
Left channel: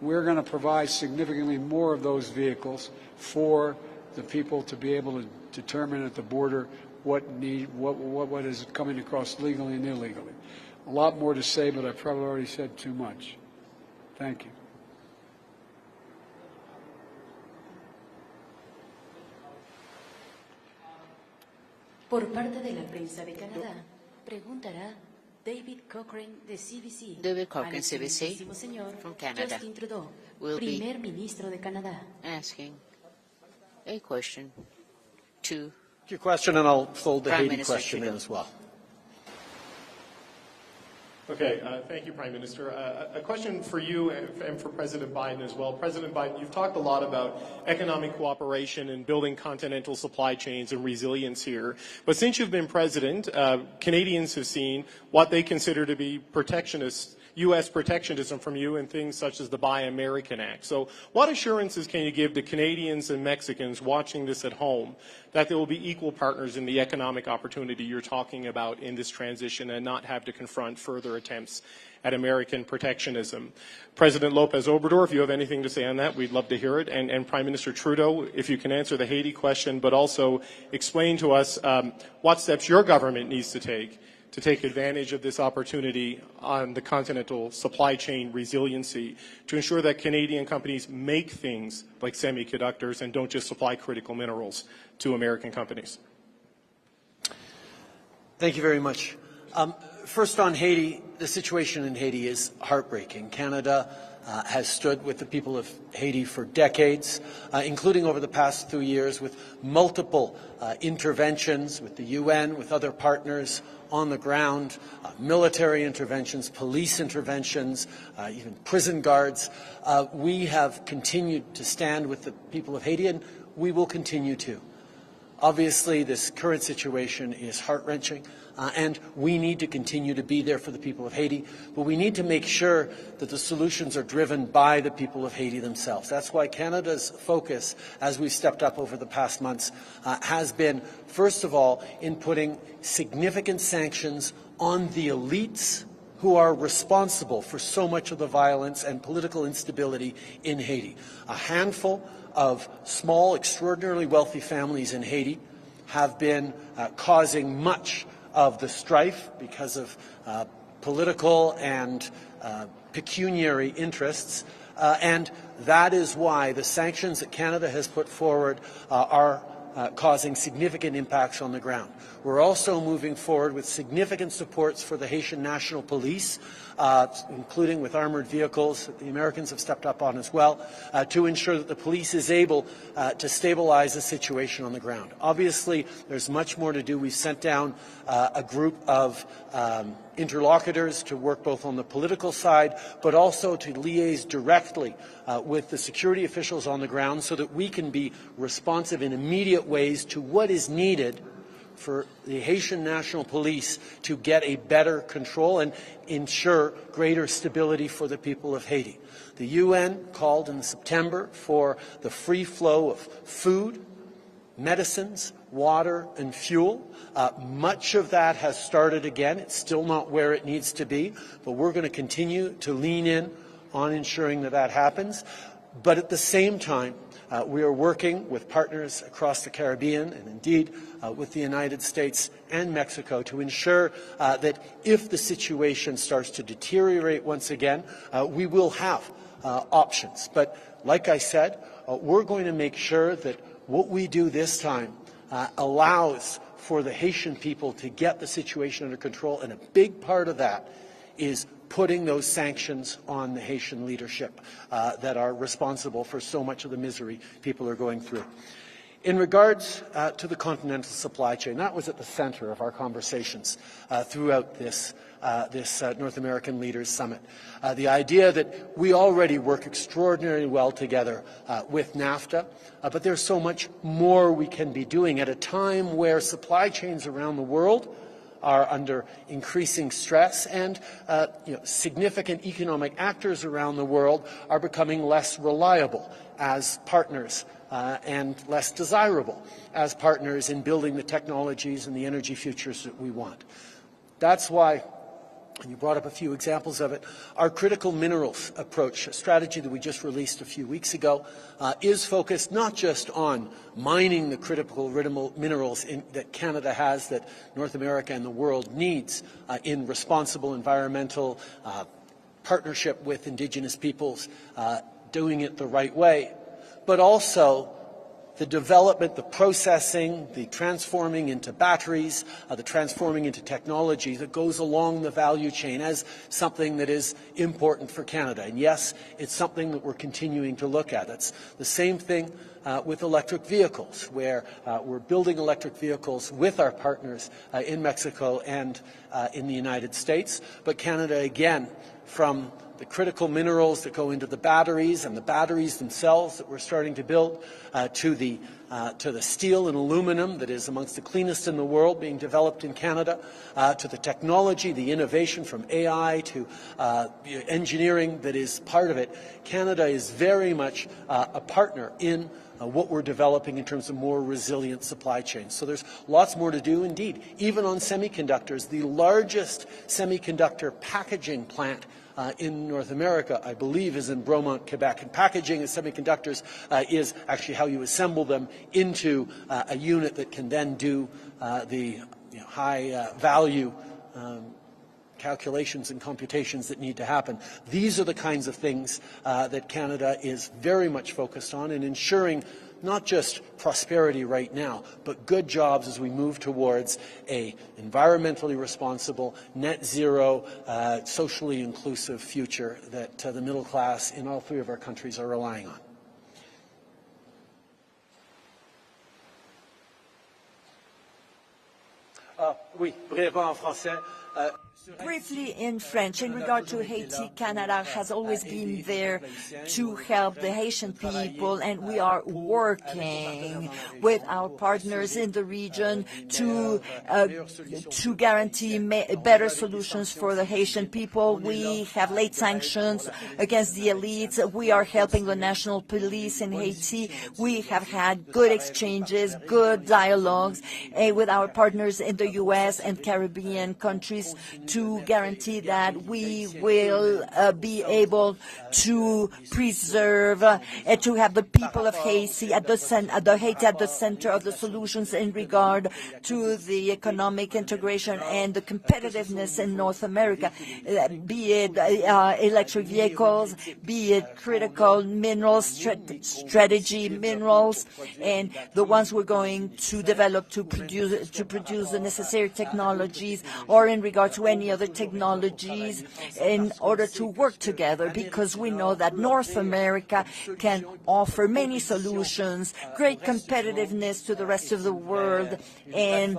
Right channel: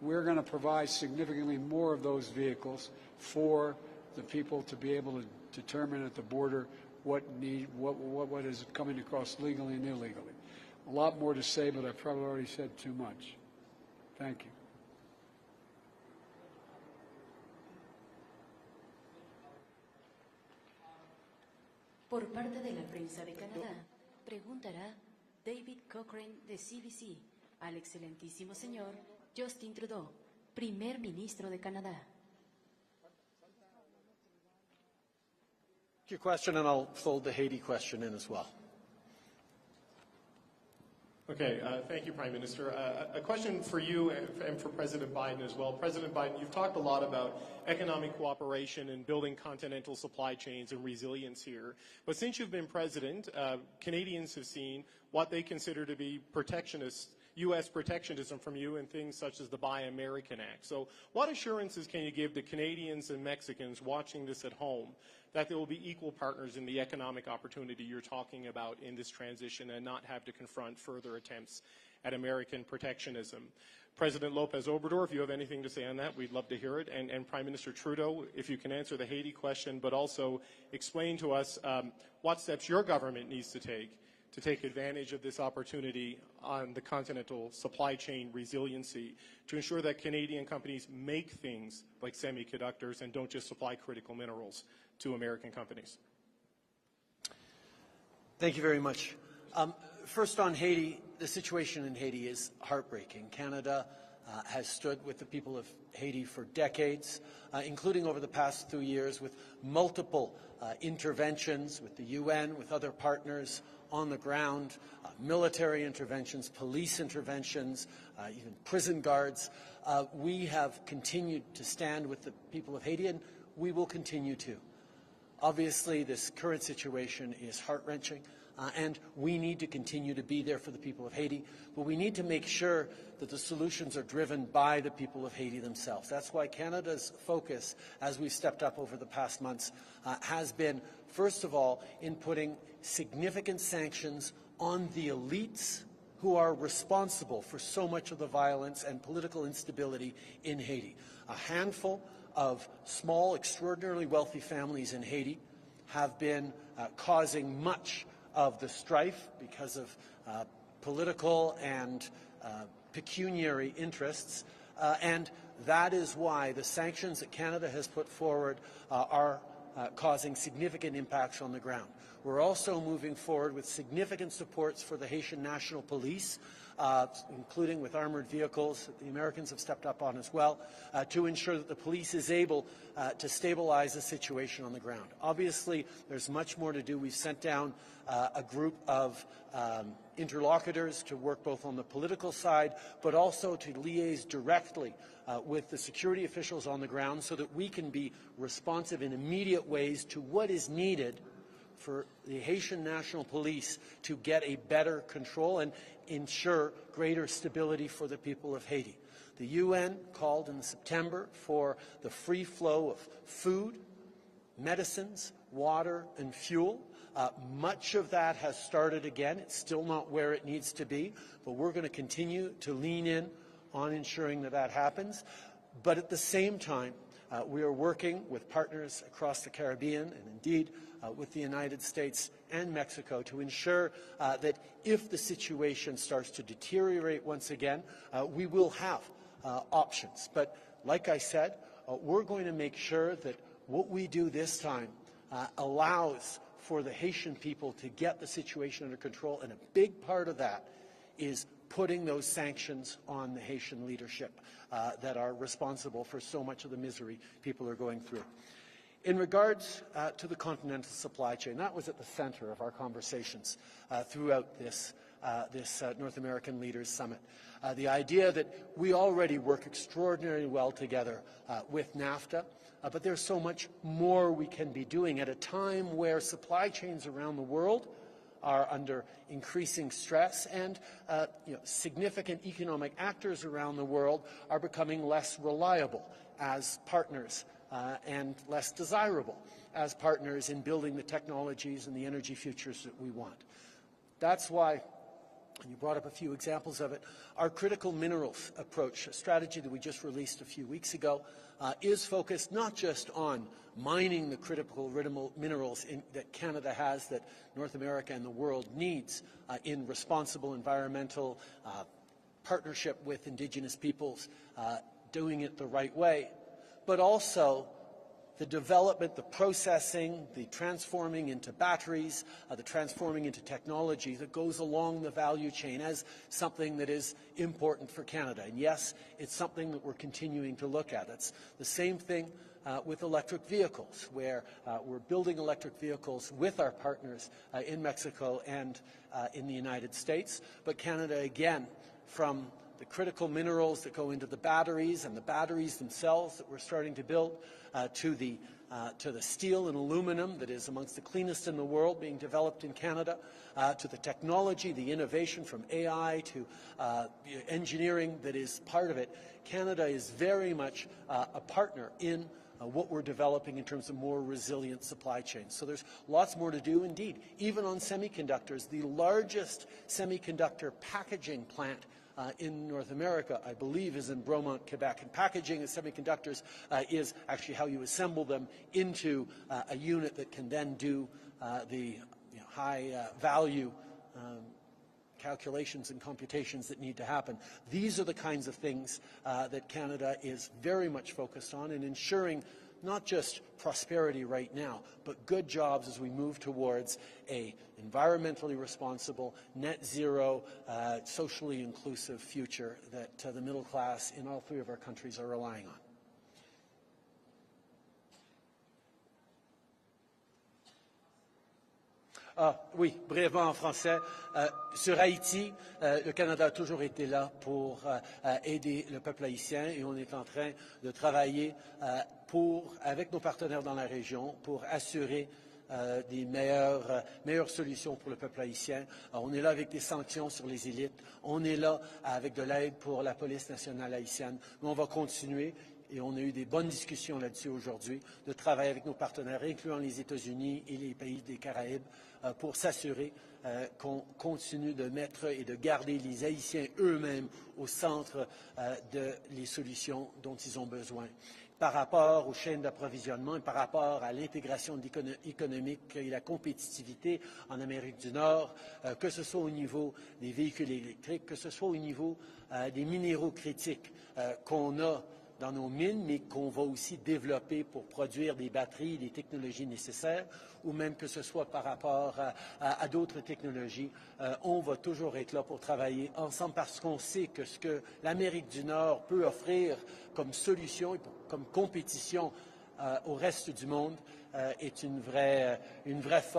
We're going to provide significantly more of those vehicles for the people to be able to determine at the border what is coming across legally and illegally. A lot more to say, but I've probably already said too much. Thank you. Por parte de la prensa de Canadá, preguntará David Cochrane de CBC. David Cochrane, al CBC, excelentísimo señor from Canada, Justin Trudeau, will primer ministro de Canadá. asking a question to Your question, and I'll fold the Prime Haiti Minister question in Trudeau. as well. Okay, thank you, Prime Minister. A question for you and for President Biden as well. President Biden, you've talked a lot about economic cooperation and building continental supply chains and resilience here. But since you've been president, Canadians have seen what they consider to be protectionist, U.S. protectionism from you in things such as the Buy American Act. So what assurances can you give to Canadians and Mexicans watching this at home that there will be equal partners in the economic opportunity you're talking about in this transition and not have to confront further attempts at American protectionism? President Lopez Obrador, if you have anything to say on that, we'd love to hear it. And Prime Minister Trudeau, if you can answer the Haiti question, but also explain to us what steps your government needs to take advantage of this opportunity on the continental supply chain resiliency to ensure that Canadian companies make things like semiconductors and don't just supply critical minerals to American companies. Thank you very much. First on Haiti, the situation in Haiti is heartbreaking. Canada has stood with the people of Haiti for decades, including over the past 2 years with multiple interventions with the UN, with other partners on the ground, military interventions, police interventions, even prison guards. We have continued to stand with the people of Haiti, and we will continue to. Obviously, this current situation is heart-wrenching, and we need to continue to be there for the people of Haiti, but we need to make sure that the solutions are driven by the people of Haiti themselves. That's why Canada's focus, as we've stepped up over the past months, has been, first of all, in putting significant sanctions on the elites who are responsible for so much of the violence and political instability in Haiti. A handful of small, extraordinarily wealthy families in Haiti have been causing much of the strife because of political and pecuniary interests, and that is why the sanctions that Canada has put forward are causing significant impacts on the ground. We're also moving forward with significant supports for the Haitian National Police, including with armored vehicles that the Americans have stepped up on as well, to ensure that the police is able to stabilize the situation on the ground. Obviously, there's much more to do. We've sent down a group of interlocutors to work both on the political side, but also to liaise directly with the security officials on the ground so that we can be responsive in immediate ways to what is needed for the Haitian National Police to get a better control and ensure greater stability for the people of Haiti. The UN called in September for the free flow of food, medicines, water, and fuel. Much of that has started again. It's still not where it needs to be, but we're going to continue to lean in on ensuring that that happens. But at the same time, we are working with partners across the Caribbean and indeed with the United States and Mexico to ensure that if the situation starts to deteriorate once again, we will have options. But like I said, we're going to make sure that what we do this time allows for the Haitian people to get the situation under control, and a big part of that is putting those sanctions on the Haitian leadership that are responsible for so much of the misery people are going through. In regards to the continental supply chain, that was at the center of our conversations throughout this North American Leaders Summit. The idea that we already work extraordinarily well together with NAFTA, but there's so much more we can be doing at a time where supply chains around the world are under increasing stress, and significant economic actors around the world are becoming less reliable as partners and less desirable as partners in building the technologies and the energy futures that we want. That's why, and you brought up a few examples of it, our critical minerals approach, a strategy that we just released a few weeks ago, is focused not just on mining the critical minerals that Canada has, that North America and the world needs in responsible environmental partnership with Indigenous peoples, doing it the right way, but also the development, the processing, the transforming into batteries, the transforming into technology that goes along the value chain as something that is important for Canada. And yes, it's something that we're continuing to look at. It's the same thing with electric vehicles, where we're building electric vehicles with our partners in Mexico and in the United States. But Canada, again, from the critical minerals that go into the batteries and the batteries themselves that we're starting to build, to the steel and aluminum that is amongst the cleanest in the world being developed in Canada, to the technology, the innovation from AI to engineering that is part of it. Canada is very much a partner in what we're developing in terms of more resilient supply chains. So there's lots more to do indeed. Even on semiconductors, the largest semiconductor packaging plant in North America, I believe, is in Bromont, Quebec. And packaging of semiconductors is actually how you assemble them into a unit that can then do the high value calculations and computations that need to happen. These are the kinds of things that Canada is very much focused on in ensuring not just prosperity right now, but good jobs as we move towards a environmentally responsible, net zero, socially inclusive future that the middle class in all three of our countries are relying on. Oui, brièvement en français. Sur Haiti, in French, in regard to Haiti, Canada has always been there to help the Haitian people, and we are working with our partners in the region to guarantee better solutions for the Haitian people. We have laid sanctions against the elites. We are helping the national police in Haiti. We have had good exchanges, good dialogues with our partners in the U.S. and Caribbean countries to guarantee that we will be able to preserve and to have the people of Haiti at the center of the solutions in regard to the economic integration and the competitiveness in North America, be it electric vehicles, be it critical minerals, strategy minerals, and the ones we're going to develop to produce the necessary technologies, or in regard to any other technologies, in order to work together, because we know that North America can offer many solutions, great competitiveness to the rest of the world, and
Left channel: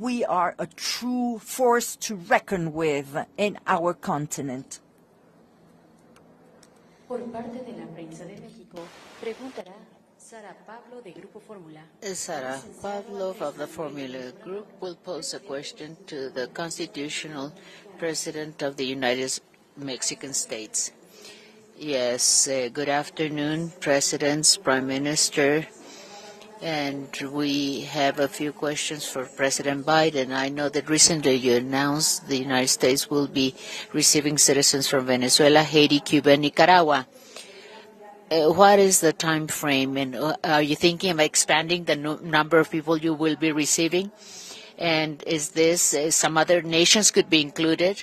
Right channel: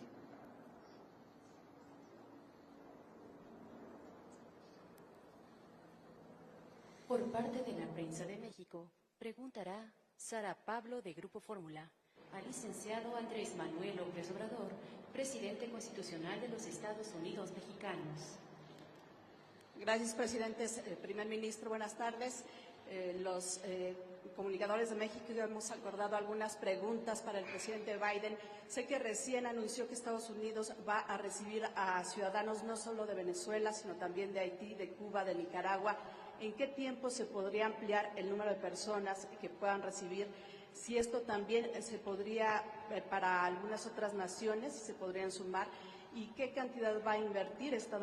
we are a true force to reckon with in our continent. Por parte de la prensa de México, preguntará Sara Pablo de Grupo Fórmula. Sara Pablo from the Formula Group will pose a question to the constitutional president of the United Mexican States. Yes, good afternoon, presidents, prime minister. And we have a few questions for President Biden. I know that recently you announced the United States will be receiving citizens from Venezuela, Haiti, Cuba, and Nicaragua. What is the time frame, and are you thinking of expanding the number of people you will be receiving? And is this some other nations could be included?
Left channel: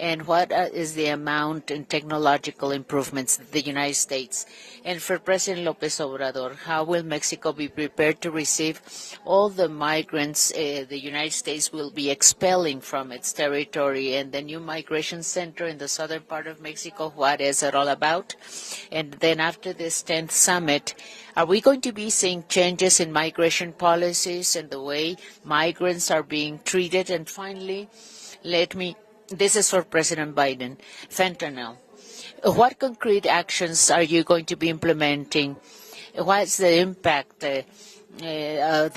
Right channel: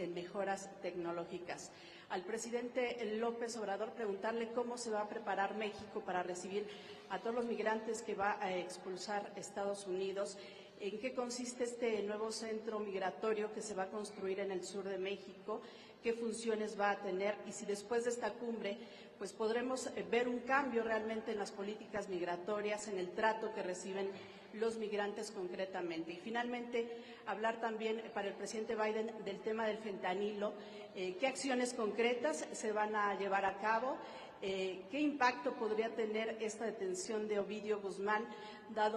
and what is the amount in technological improvements in the United States? And for President López Obrador, how will Mexico be prepared to receive all the migrants the United States will be expelling from its territory, and the new migration center in the southern part of Mexico, what is it all about? And then after this 10th summit, are we going to be seeing changes in migration policies and the way migrants are being treated? And finally, this is for President Biden, fentanyl. What concrete actions are you going to be implementing? What's the impact the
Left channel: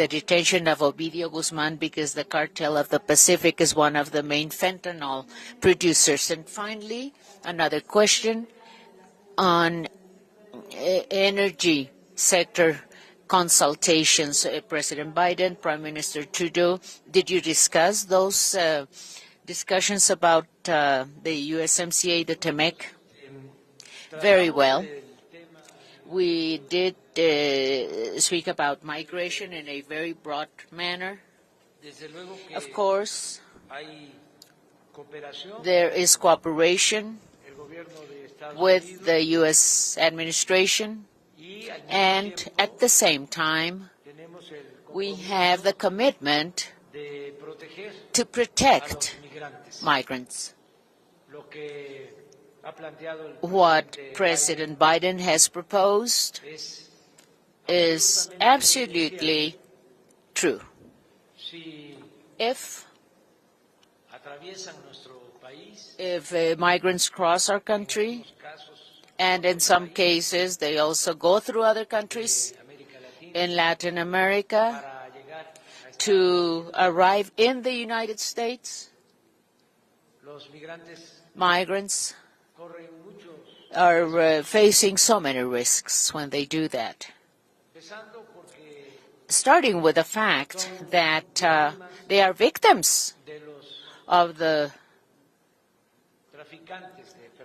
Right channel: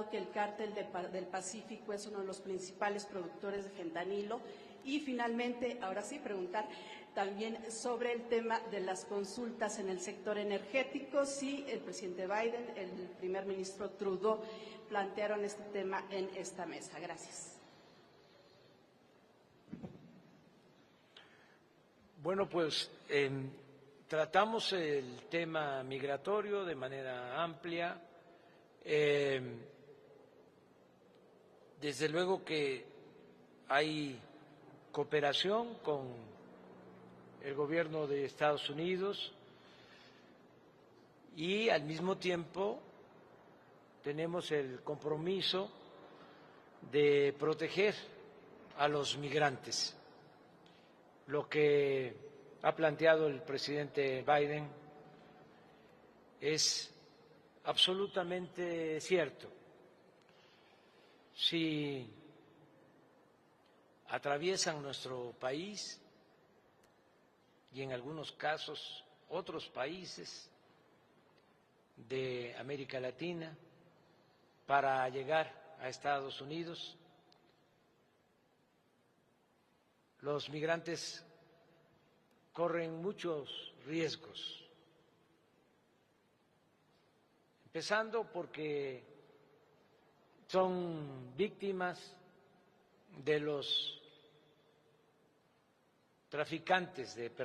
detention of Ovidio Guzman, because the cartel of the Pacific is one of the main fentanyl producers? And finally, another question on energy sector consultations. President Biden, Prime Minister Trudeau, did you discuss those discussions about the USMCA, the TEMEC? Very well. We did speak about migration in a very broad manner. Of course, there is cooperation with the U.S. administration, and at the same time, we have the commitment to protect migrants. What President Biden has proposed is absolutely true. If migrants cross our country, and in some cases they also go through other countries in Latin America to arrive in the United States, migrants are facing so many risks when they do that. Starting with the fact that they are victims of the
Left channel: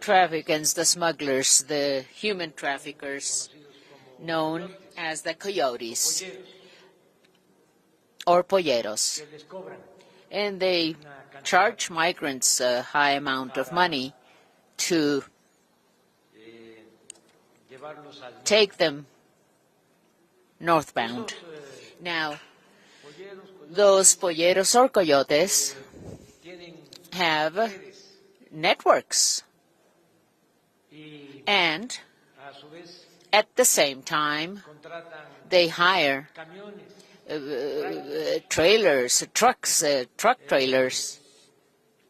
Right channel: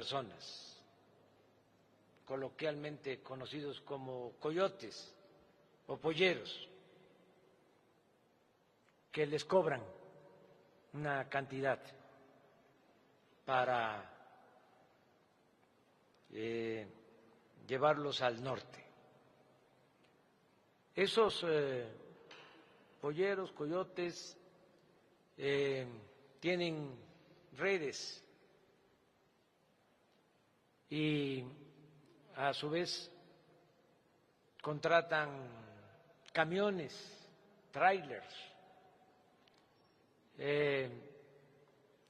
traffickers, the smugglers, the human traffickers, known as the coyotes or polleros. And they charge migrants a high amount of money to take them northbound. Now, those polleros or coyotes have networks, and at the same time, they hire trailers, trucks, truck trailers.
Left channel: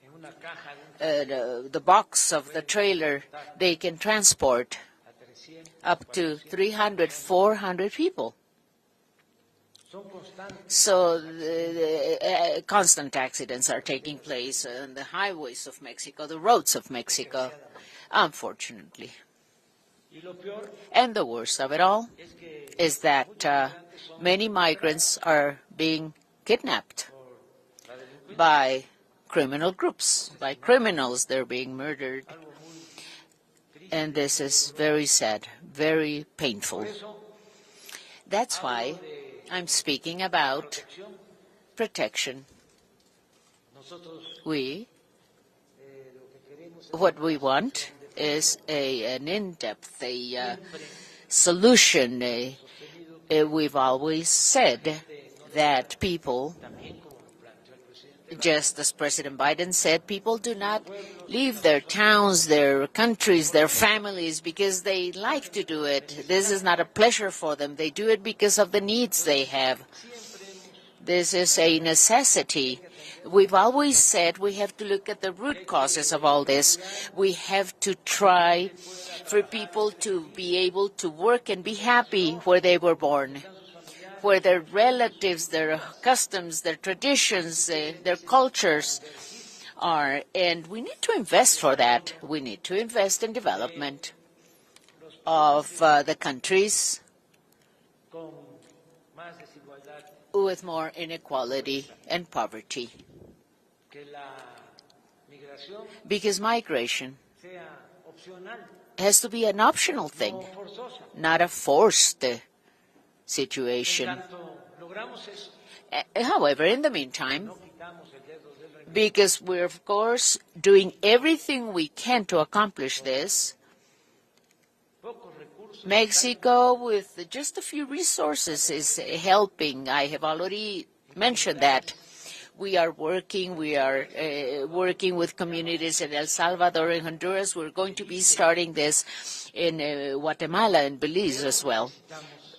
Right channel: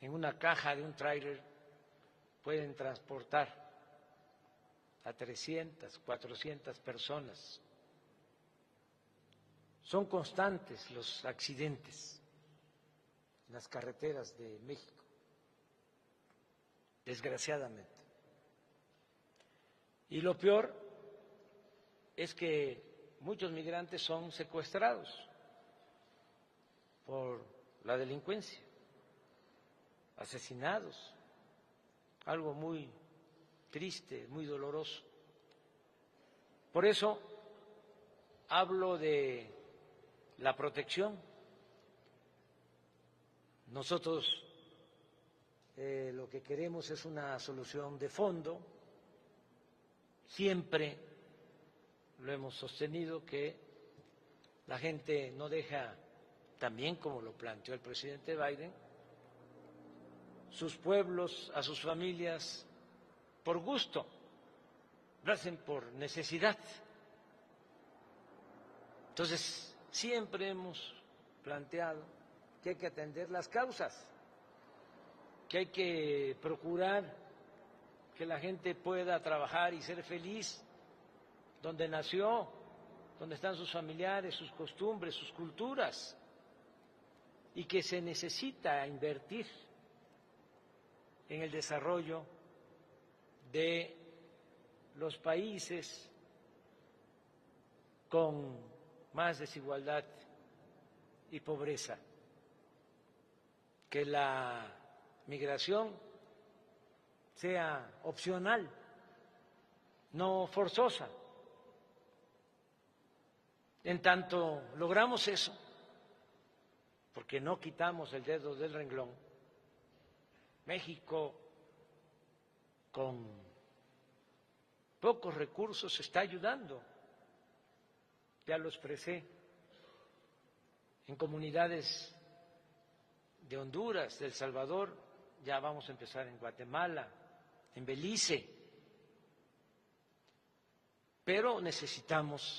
The box of the trailer, they can transport up to 300, 400 people. So constant accidents are taking place on the highways of Mexico, the roads of Mexico, unfortunately. And the worst of it all is that many migrants are being kidnapped by criminal groups, by criminals. They're being murdered. And this is very sad, very painful. That's why I'm speaking about protection. What we want is an in-depth solution. We've always said that people, just as President Biden said, people do not leave their towns, their countries, their families because they like to do it. This is not a pleasure for them. They do it because of the needs they have. This is a necessity. We've always said we have to look at the root causes of all this. We have to try for people to be able to work and be happy where they were born, where their relatives, their customs, their traditions, their cultures are. And we need to invest for that. We need to invest in development of the countries with more inequality and poverty. Because migration has to be an optional thing, not a forced situation. tanto logramos eso, However, in the meantime, no quitamos el dedo del renglón. because we're, of course, doing everything we can to accomplish this, Pocos recursos está Mexico, ayudando. with just a few resources, is helping. I have already mentioned that. We are working with communities in El Salvador and Honduras. We're going to be starting this in Guatemala and Belize as well.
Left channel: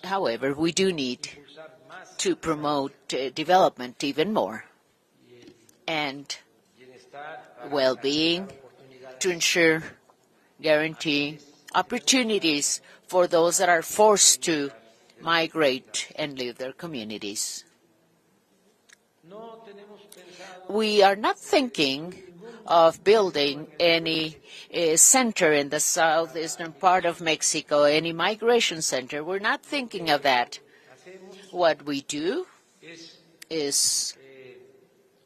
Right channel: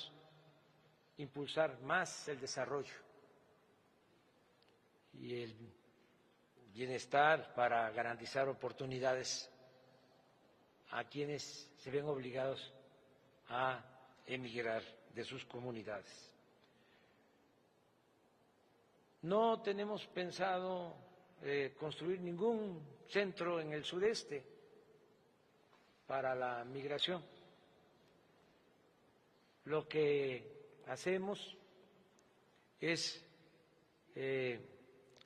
However, we do need Impulsar más to el promote development even more desarrollo y el and bienestar para well-being garantizar oportunidades to ensure guaranteeing opportunities for those that are forced to migrate and leave their communities. No tenemos pensado We are not thinking of building any center in the southeastern part of Mexico, any migration center. We're not thinking of that. hacemos What we do es is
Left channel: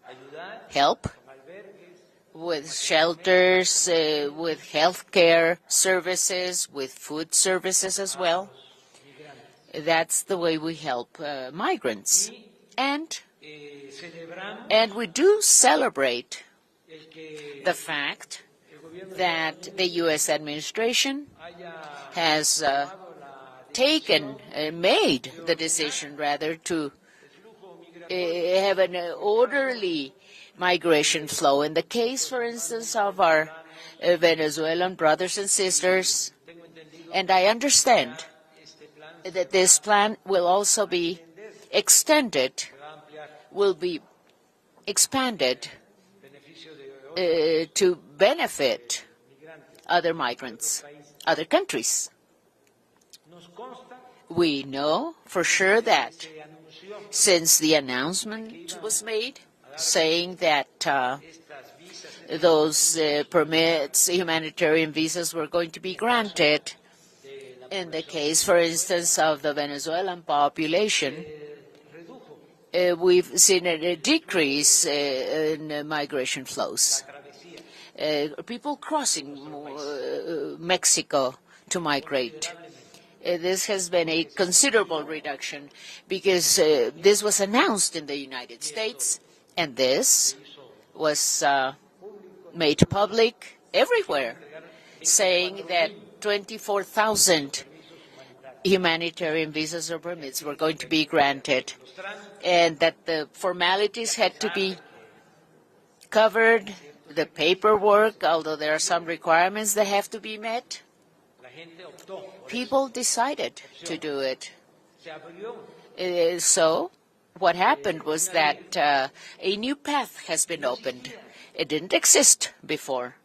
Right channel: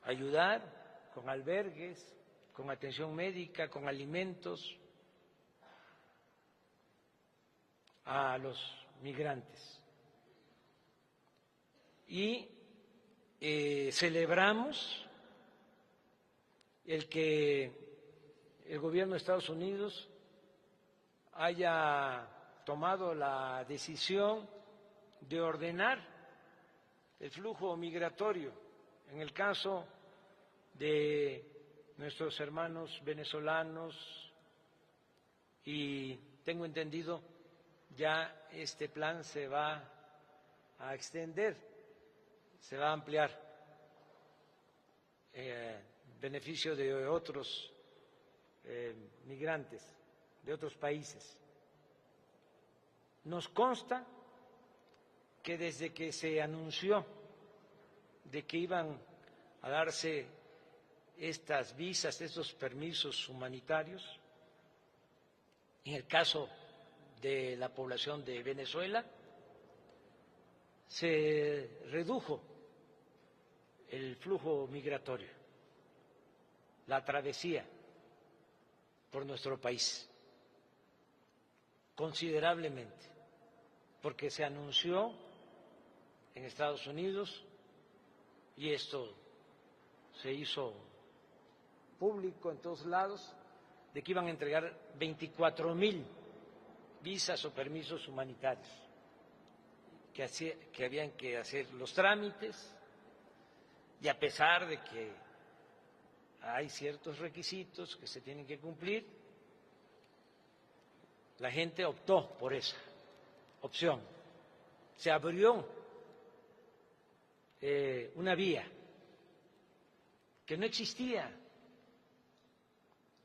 ayudar help con albergues, with con atención shelters, médica, con alimentos with healthcare services, with food services as a well. los migrantes. That's the way we help migrants. Y And celebramos we do celebrate el que the fact el gobierno de that Estados the Unidos U.S. administration haya has tomado la taken, decisión made de the ordenar decision rather to el flujo migratorio. have an orderly migration flow. In the case, for instance, of our Venezuelan brothers and sisters, Tengo entendido and I understand ya este plan se that va this plan will also a be extender, extended, se va a ampliar will be expanded beneficio de otros to benefit migrantes other de otros migrants, países. other countries. Nos consta We know for que sure desde que that se anunció since the announcement de que iban was made, a darse saying that estas visas, estos those permisos permits, humanitarian visas, were going to be granted de la in the población case, de for Venezuela, instance, of the Venezuelan population, se redujo we've seen a decrease in migration la flows. travesía People crossing nuestro país. Mexico to migrate. considerablemente. This has been a Porque se considerable anunció reduction because this was announced in the United Y esto States, and this Se hizo was público en made todos lados, public que iban a everywhere, entregar saying that 24,000 24,000 permisos humanitarios. humanitarian visas or permits Que were así- going que to be habían que granted, hacer los trámites, and that the y formalities a had to pesar be de que covered, hay ciertos the requisitos que paperwork, se tienen although que there are some cumplir, requirements that have to be met, la gente optó por eso. people decided to Opción. do it. Se abrió So what happened was una that a new path has been no opened. existía. It didn't exist before.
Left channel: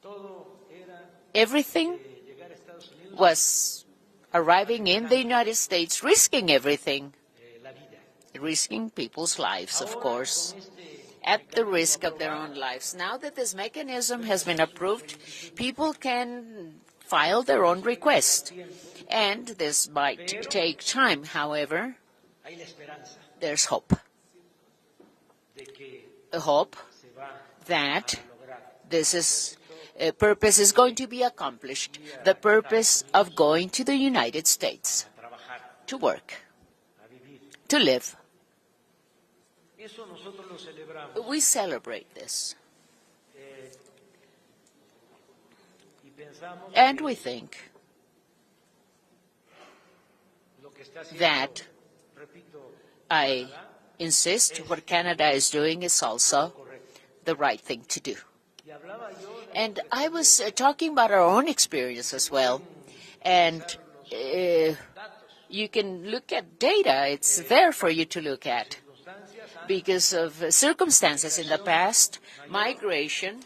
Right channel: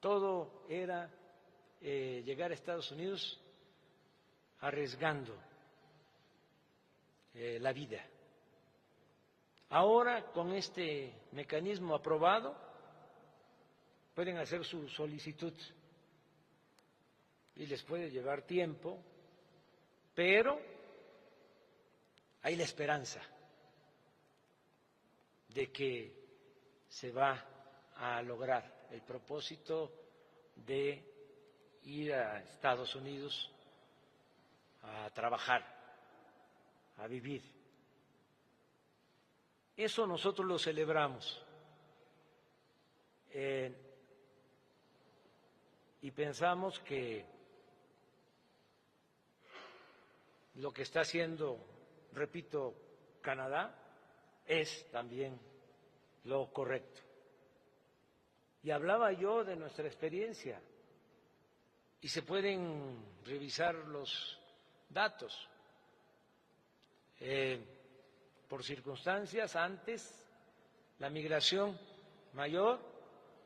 Todo era Everything llegar a Estados Unidos, was arriving in the Arriesgando. United States, risking everything, la vida. risking people's lives, of Ahora, course, con este at the mecanismo risk of their aprobado, own lives. Now that this mechanism pueden has been hacer su approved, solicitud. people can file their own Les puede llevar request. tiempo, And this might Pero- take time. However, hay la esperanza there's hope. de que A hope se va that a lograr this is propósito purpose is going to be accomplished. ir a The purpose Estados of Unidos going to the United States a trabajar, to work, a vivir. to live. Eso nosotros lo celebramos. We celebrate this. Y pensamos And que we think lo que está haciendo, that repito, I Canadá insist es what Canada también is doing is lo also correcto. the right thing to do. Y hablaba yo de And nuestra I was experiencia. talking about our own experience Se as well. pueden And revisar los datos. you can look at data. It's Eh, there for you to look Por at. circunstancias antes Because of circumstances in the Migración past, mayor. migration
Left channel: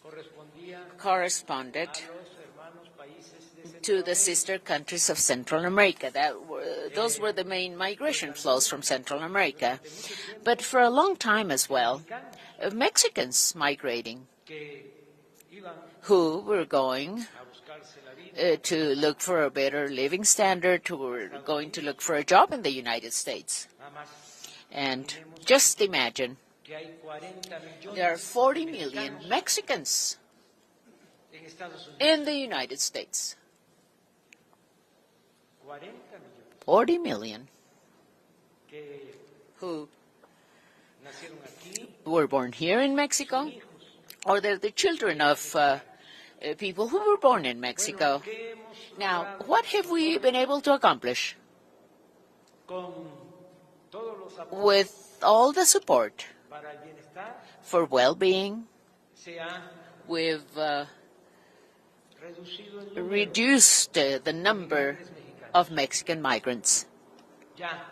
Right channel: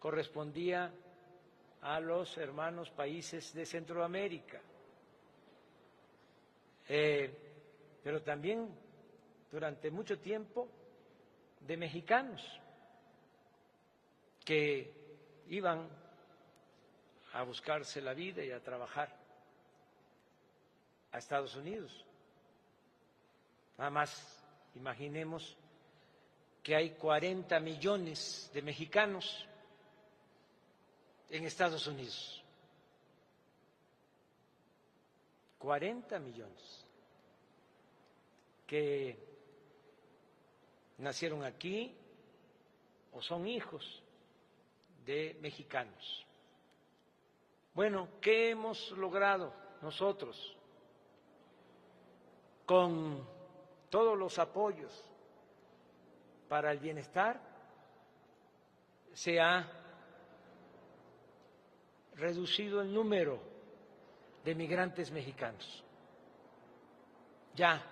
correspondía corresponded a los hermanos países de to the Centroamérica. sister countries of Central America. Those Eh, were the main migration pero también flows from Central America. durante mucho tiempo But for a long time as de well, mexicanos Mexicans migrating que iban who were going a buscarse la vida, a to trabajar. look for a better living standard, who were Estados going to Unidos. look for a job in the United States. Nada más And imaginemos just imagine, que hay 40 there are millones 40 de million mexicanos Mexicans en Estados Unidos. in the United States. 40 million que who nacieron aquí, were born here in Mexico, son hijos or they're the children de of mexicanos. people who were born in Mexico. Bueno, ¿qué hemos Now, logrado what have we nosotros been able to accomplish con todos los apoyos with all the support para el bienestar? for well-being? Se ha We've reducido el número reduced the de number migrantes mexicanos. of Mexican migrants. Ya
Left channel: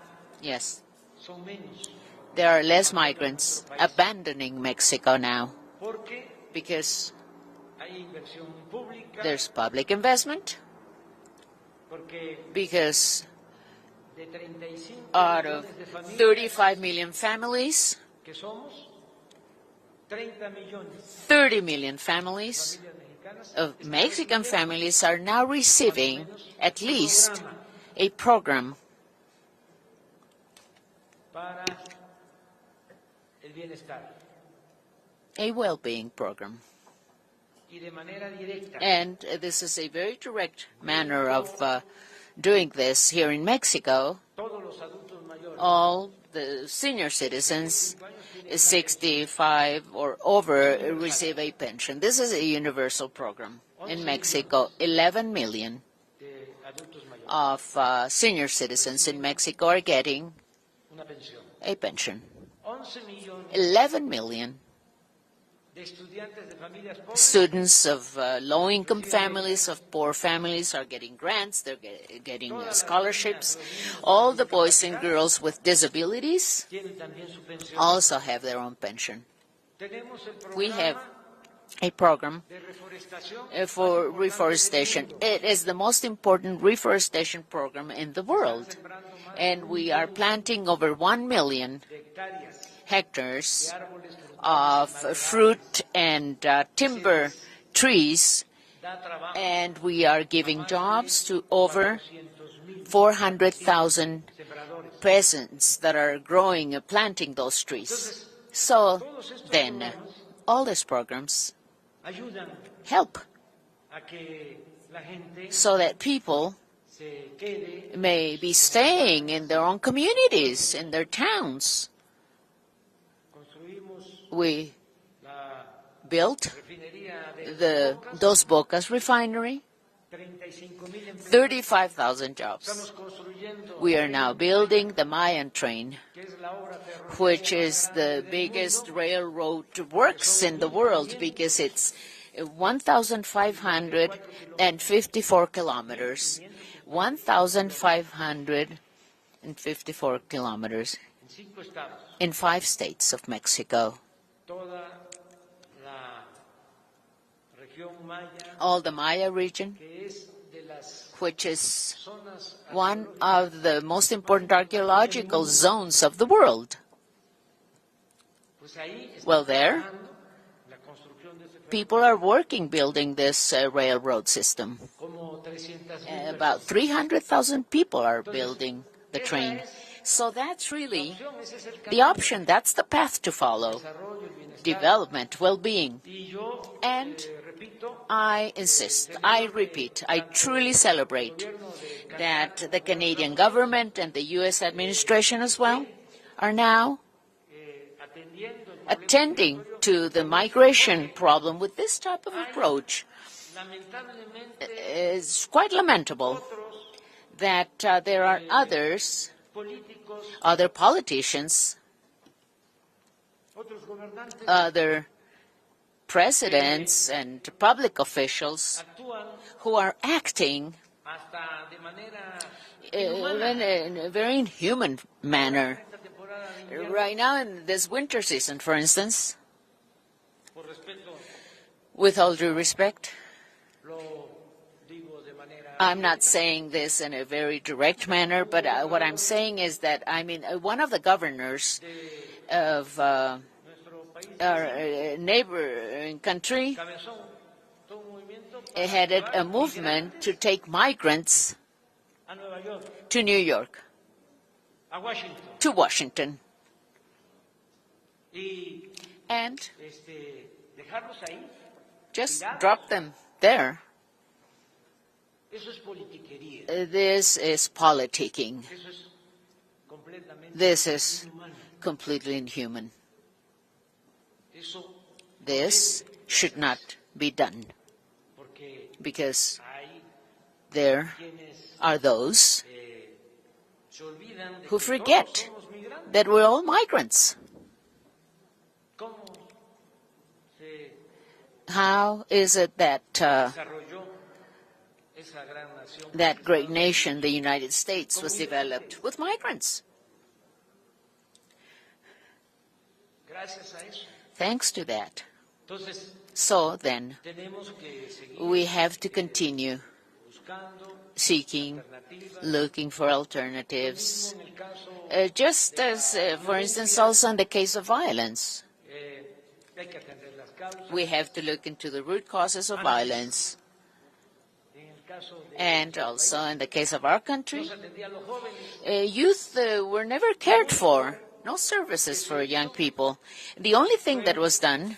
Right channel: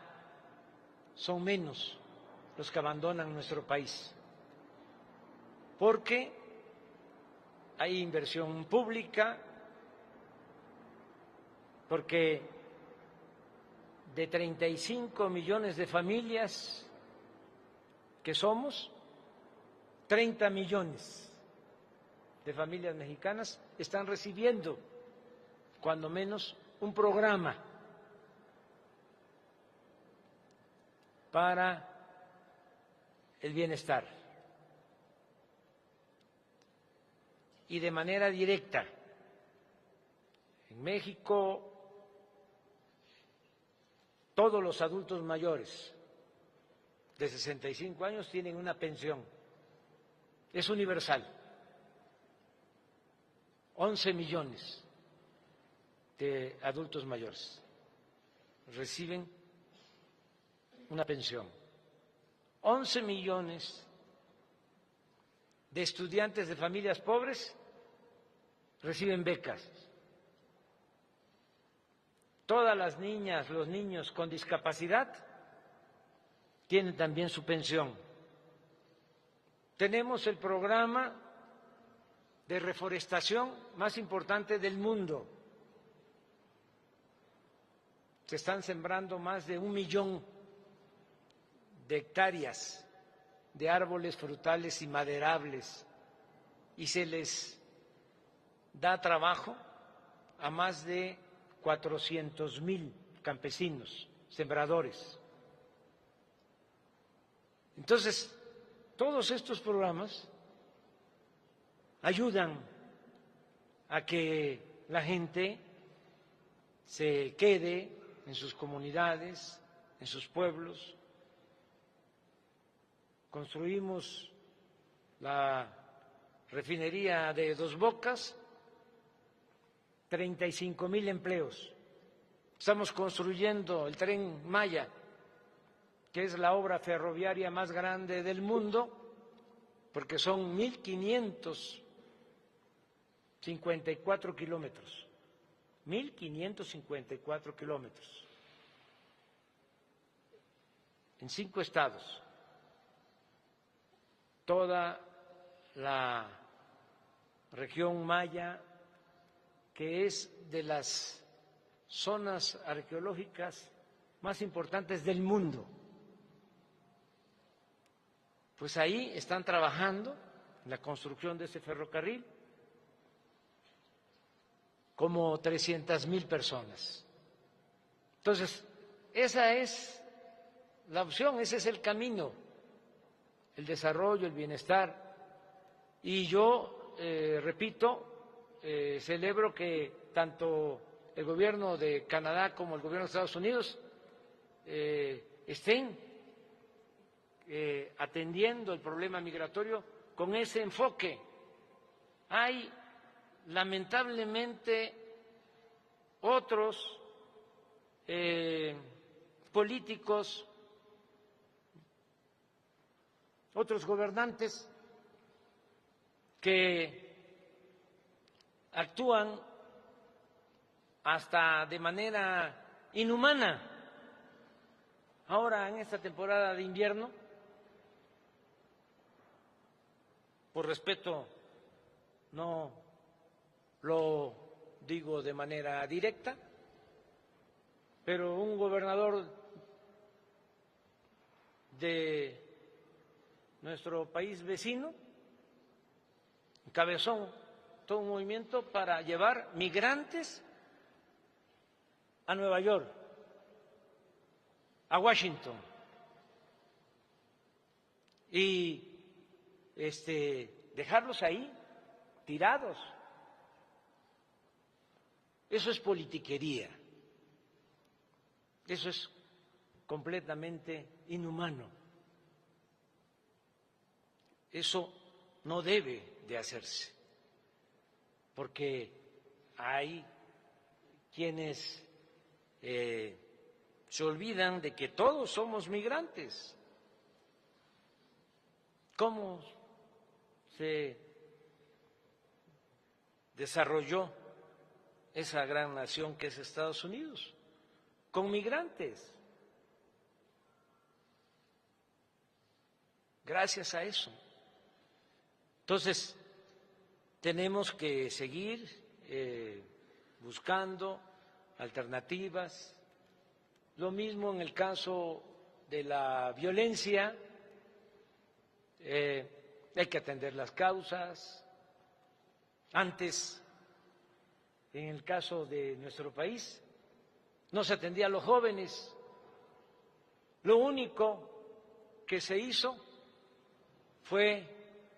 Yes, son menos, there are less abandonan migrants nuestro país. abandoning Mexico now porque because hay inversión pública, there's public investment, porque because de 35 out of millones de familias 35 million families, que somos, 30 millones 30 million de families familias mexicanas of están Mexican recibiendo families are now cuando receiving menos at un least programa a program para el bienestar a well-being program. y de manera directa. And this is a very direct En manner México, of doing this here in Mexico. Todos los adultos mayores All the senior citizens 65 años tienen una 65 or over Es universal. receive a pension. This is a universal program 11 in Mexico. millones. 11 million de adultos mayores, of senior citizens in Reciben Mexico are getting una pensión. a pension. 11 millones 11 million de estudiantes de familias pobres students of low-income Reciben families, of poor families, are getting grants. They're getting Todas las scholarships. niñas, los niños All con the boys and discapacidad girls with disabilities tienen también su pensión. also have their own pension. Tenemos el We have programa a program de reforestación más for importante reforestation. del mundo. It is the most important reforestation program in the Se están world. sembrando más de And 1 we are millón planting over 1 million de hectáreas hectares de árboles frutales of y maderables. fruit and timber les trees, Da trabajo and we are a giving más jobs de to over 400,000 400,000 campesinos, sembradores. peasants that are growing and planting those trees. Entonces, So todos estos then, programas all these programs ayudan help a que la gente so that people se quede may en be sus staying comunidades. in their own communities, pueblos. in their towns. Construimos We la built refinería de the Dos Bocas refinery, 35,000 empleos. 35,000 jobs. Estamos construyendo We el are tren now Maya, building the Mayan train, que es la obra ferroviaria which más is grande the del biggest mundo, railroad works son in the world 1,500 because it's 1,554 kilometers. 1,554 kilometers en 5 estados. in 5 states of Mexico. Toda la región Maya, All the Maya region, que es de las which is zonas one arqueológicas of the most important más importantes del archaeological mundo. zones of the world. Pues ahí están Well, there, trabajando en la construcción de ese People are ferrocarril working building this railroad system. como 300,000 About personas. 300,000 people are Entonces, building the esa train. es So that's la really opción, ese es el the camino. option. That's the path to El follow. desarrollo, el bienestar. Development, well-being. Y yo And repito, I insist, I celebro que repeat, I tanto truly el celebrate gobierno de Canadá that como the el gobierno de Canadian Estados Unidos, government and the U.S. administration as well estén are now atendiendo el problema attending migratorio to the con ese migration enfoque. problem with this type of Hay, approach. Lamentablemente, It's quite lamentable otros that there are others, políticos, other politicians, otros gobernantes other presidents and public officials actúan who are acting hasta de manera in inhumana. a very inhuman Ahora, en manner. esta temporada de invierno, Right now in this winter season, for instance, por respeto, with all due respect, lo digo de manera I'm not directa, saying this in a very direct manner, un but what I'm gobernador saying is that, I mean, one of the governors de of nuestro país our vecino, neighboring country cabezón todo un movimiento para headed llevar a movement migrantes to take migrants a Nueva York, to New York, a Washington, to Washington, y and dejarlos ahí, just tirados. drop them there. Eso es politiquería. This is politicking. Eso es completamente This is inhumano. completely inhuman. Eso no This debe de should not hacerse, be done porque because hay there quienes are those se olvidan de who que forget todos somos migrantes. that we're all migrants. ¿Cómo se How is it that desarrolló esa gran nación que that es great Estados nation, Unidos? the United States, Con was migrantes. developed with migrants? Gracias a eso. Thanks to that. Entonces, So then, tenemos que seguir we have to continue buscando seeking, alternativas. looking for Lo alternatives. mismo en el caso Just de as, la for instance, violencia, also in the case of violence, hay que atender las causas. we have to look into the root causes of Antes, violence. En el caso de And nuestro also país, in the case of our country, no se atendía a los jóvenes. youth were never cared único for. No services que for se young hizo people. The only thing fue that was done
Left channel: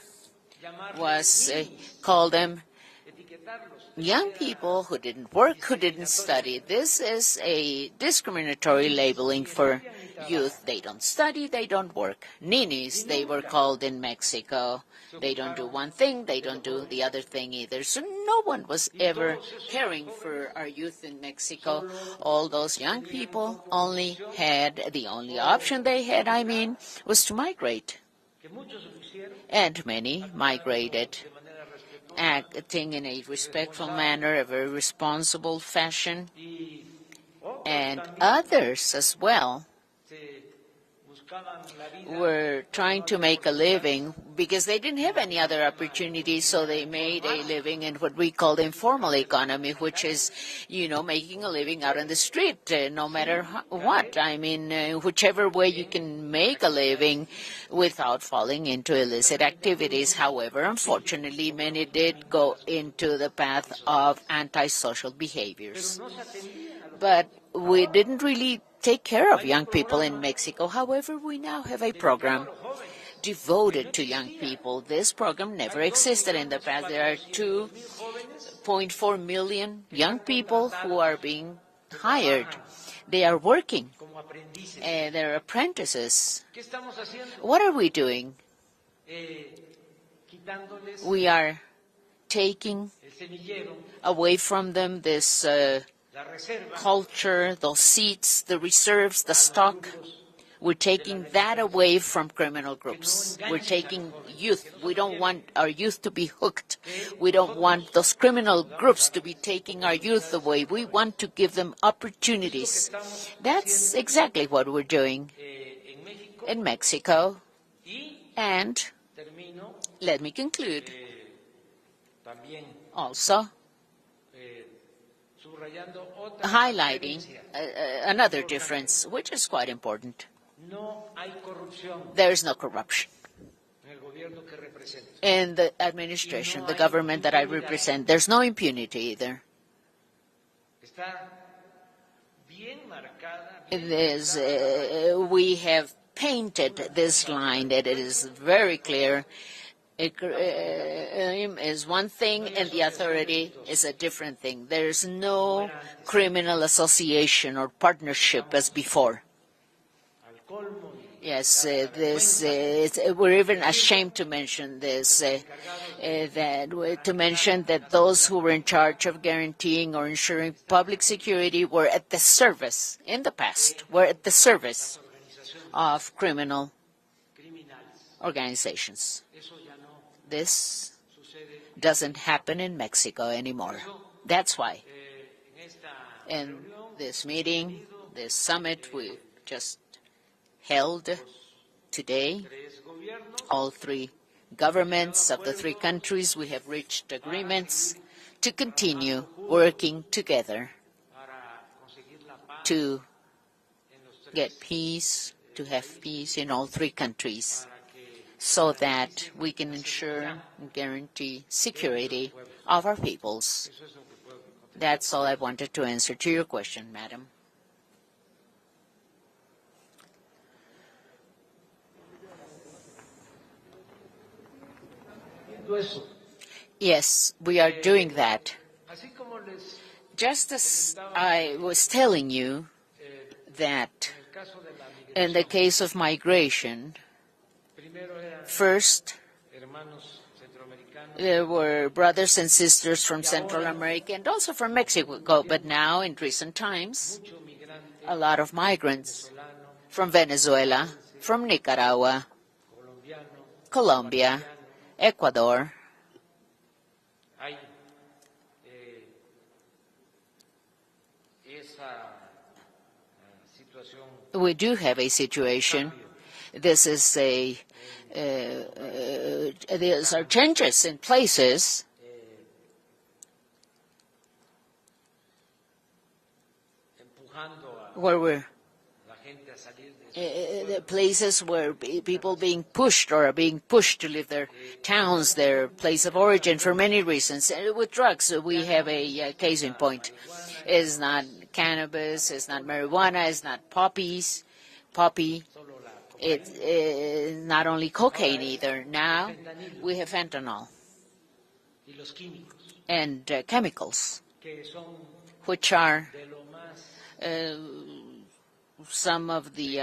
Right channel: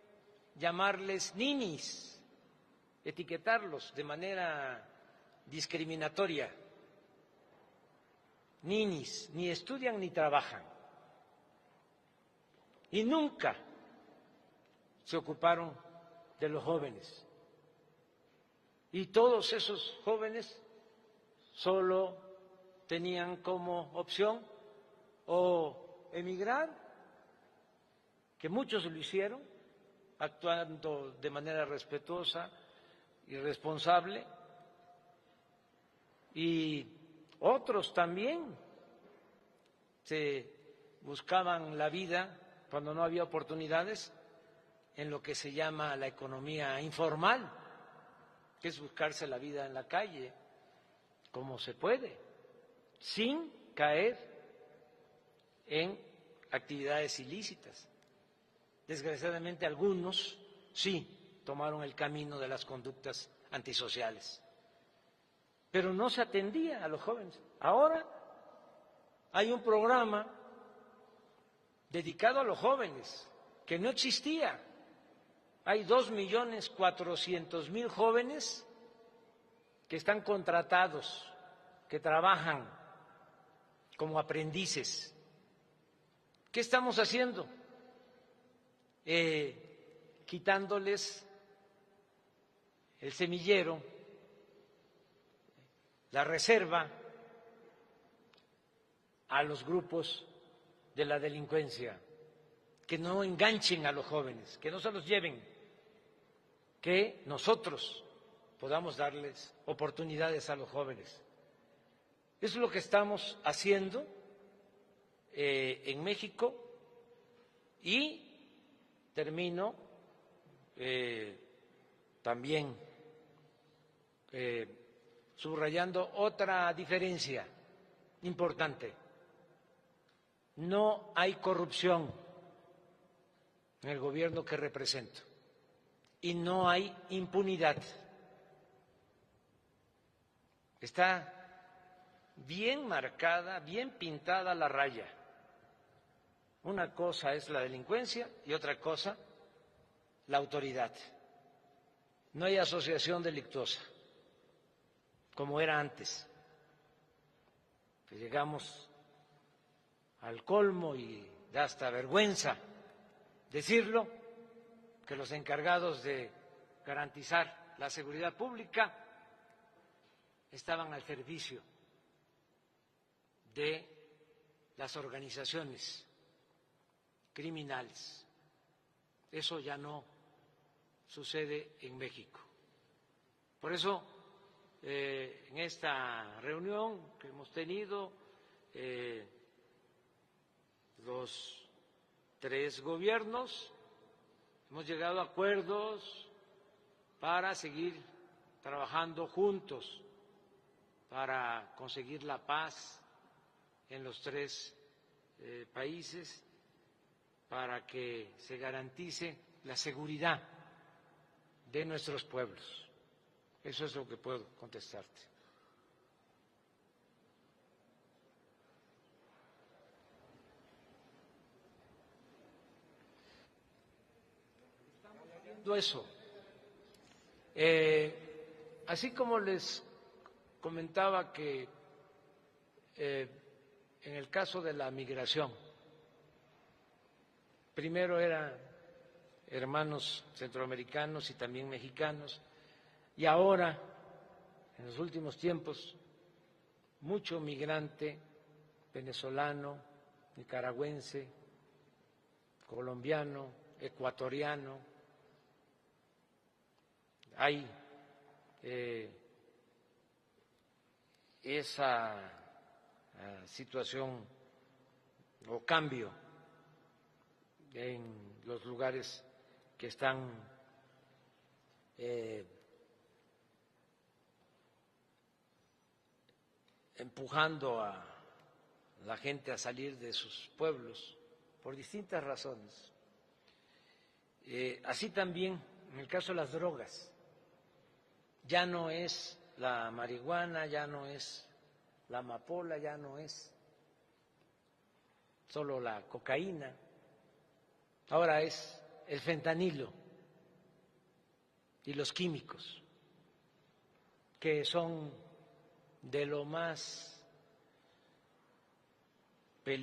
Llamarles was ninis, call them etiquetarlos de young manera people who didn't work, who didn't discriminatoria. study. This is a discriminatory Ninis, labeling ni for estudian ni youth. trabajan. They don't study, they don't work. Ninis, Y they were nunca called in Mexico. se They don't do ocuparon one thing, they de don't los do jóvenes. the other thing either. So no one was Y ever todos esos caring for jóvenes our youth in Mexico. solo All those young tenían people como only opción had, the only o option they had, I emigrar, mean, was to migrate. que muchos lo hicieron, And many actuando migrated, de manera respetuosa, acting in a respectful responsable. manner, a very responsible fashion. y otros And también others as well se buscaban la vida were cuando trying no to había make a living oportunidades. because they didn't en have lo que any se other llama la opportunities, so they economía made a informal, living in what we call the que es informal buscarse la vida economy, en la which calle, is, making a como se living out on puede, the street, no matter sin what. caer I mean, whichever way you en can make a actividades living ilícitas. without falling into illicit Desgraciadamente, activities. algunos However, sí unfortunately, tomaron many el did camino de go las into conductas the path of antisociales. antisocial Pero behaviors. no se atendía a los But jóvenes. we Ahora didn't really take care of hay un young people in programa Mexico. However, we now have a dedicado a program los jóvenes que devoted no to young existía. people. This program never Hay existed in the past. There are 2.400.000 jóvenes 2.4 million que young están people who are contratados, being que hired. trabajan They are working. como aprendices. They're apprentices. ¿Qué estamos haciendo? What are we doing? Quitándoles We are taking el semillero, away from them this la reserva culture, those seats, the reserves, the a los stock. grupos We're taking that delincuencia. away from criminal Que no groups. We're enganchen a taking los jóvenes, youth. que no se We los don't lleven. want our youth to be hooked. Que We don't nosotros want those criminal podamos groups to be darles taking our youth oportunidades a away. los We jóvenes. want to give them Eso es lo que opportunities. estamos That's haciendo exactly what we're doing en México. in Mexico. Y And termino let me conclude también also subrayando otra highlighting diferencia. another importante. difference, which is quite important. No hay corrupción There is no corruption en el gobierno que represento. in the administration, Y no the hay government that I impunidad. represent. There's no impunity either. Está bien marcada, bien There's, pintada la raya. we have painted Una this cosa es la line that it is delincuencia, very otra cosa clear. la autoridad. Is one thing No hay and the asociación authority delictuosa. is a different thing. There's Como no era antes. criminal association or partnership as Llegamos before. Al colmo y Yes, hasta this, vergüenza we're even decirlo, ashamed to mention this, que los encargados de to mention garantizar la that those seguridad who were in pública charge of guaranteeing or ensuring estaban public al servicio security were at the service, in the past, de were at the las service organizaciones of criminal criminales. organizations. Eso ya no This sucede. doesn't happen in Mexico anymore. Por eso, That's why en esta in reunión this hemos meeting, tenido, this summit we eh, just held los today, tres gobiernos all three governments of the three acuerdos countries, we have reached para agreements seguir to continue trabajando juntos working together para conseguir la paz to en los tres get peace, to have países, peace in all three countries, para que se so that garantice we can la ensure seguridad. and guarantee security pueblos. of our peoples. Eso es lo que puedo contestar. That's all I wanted to answer to your question, madam. Eso. Yes, we are doing that. Así como les Just as I was telling you that in the case of migration, first there were brothers and sisters from Central America and also from Mexico, but now in recent times, a lot of migrants from Venezuela, from Nicaragua, Colombia, Ecuador. We do have a situation. This is these are changes in places where we're places where people being pushed or are being pushed to leave their towns, their place of origin for many reasons. With drugs, we have a case in point. It's not cannabis, it's not marijuana, it's not poppy. It's not only cocaine either. Now we have fentanyl and chemicals, which are some of the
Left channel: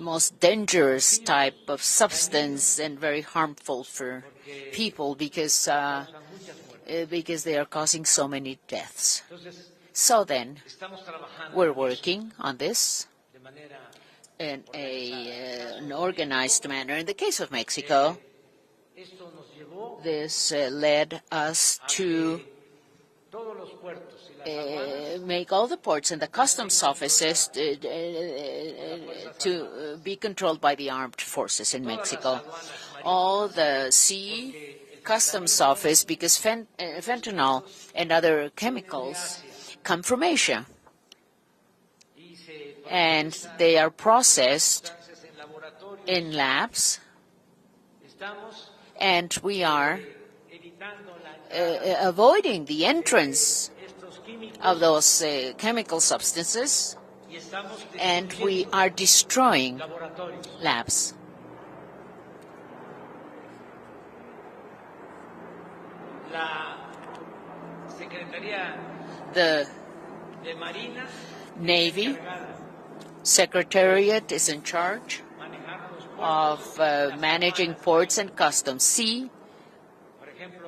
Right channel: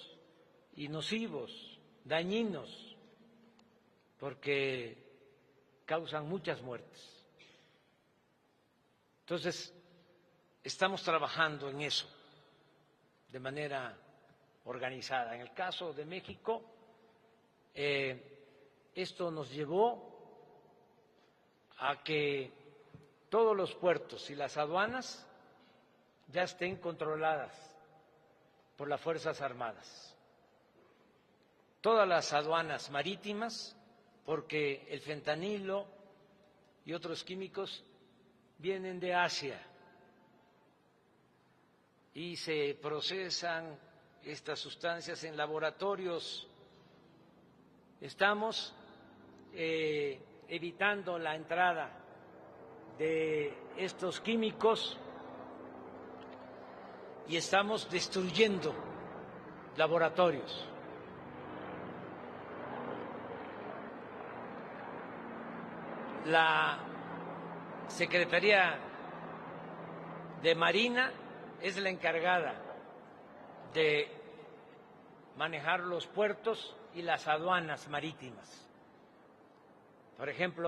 most dangerous type of substance and very harmful for people because they are causing so many deaths. So then, we're working on this in an organized manner. In the case of Mexico, this led us to make all the ports and the customs offices to be controlled by the armed forces in Mexico. All the sea customs office, because fentanyl and other chemicals come from Asia. And they are processed in labs, and we are avoiding the entrance of those chemical substances, and we are destroying labs. The Navy Secretariat is in charge of managing ports and customs. Sea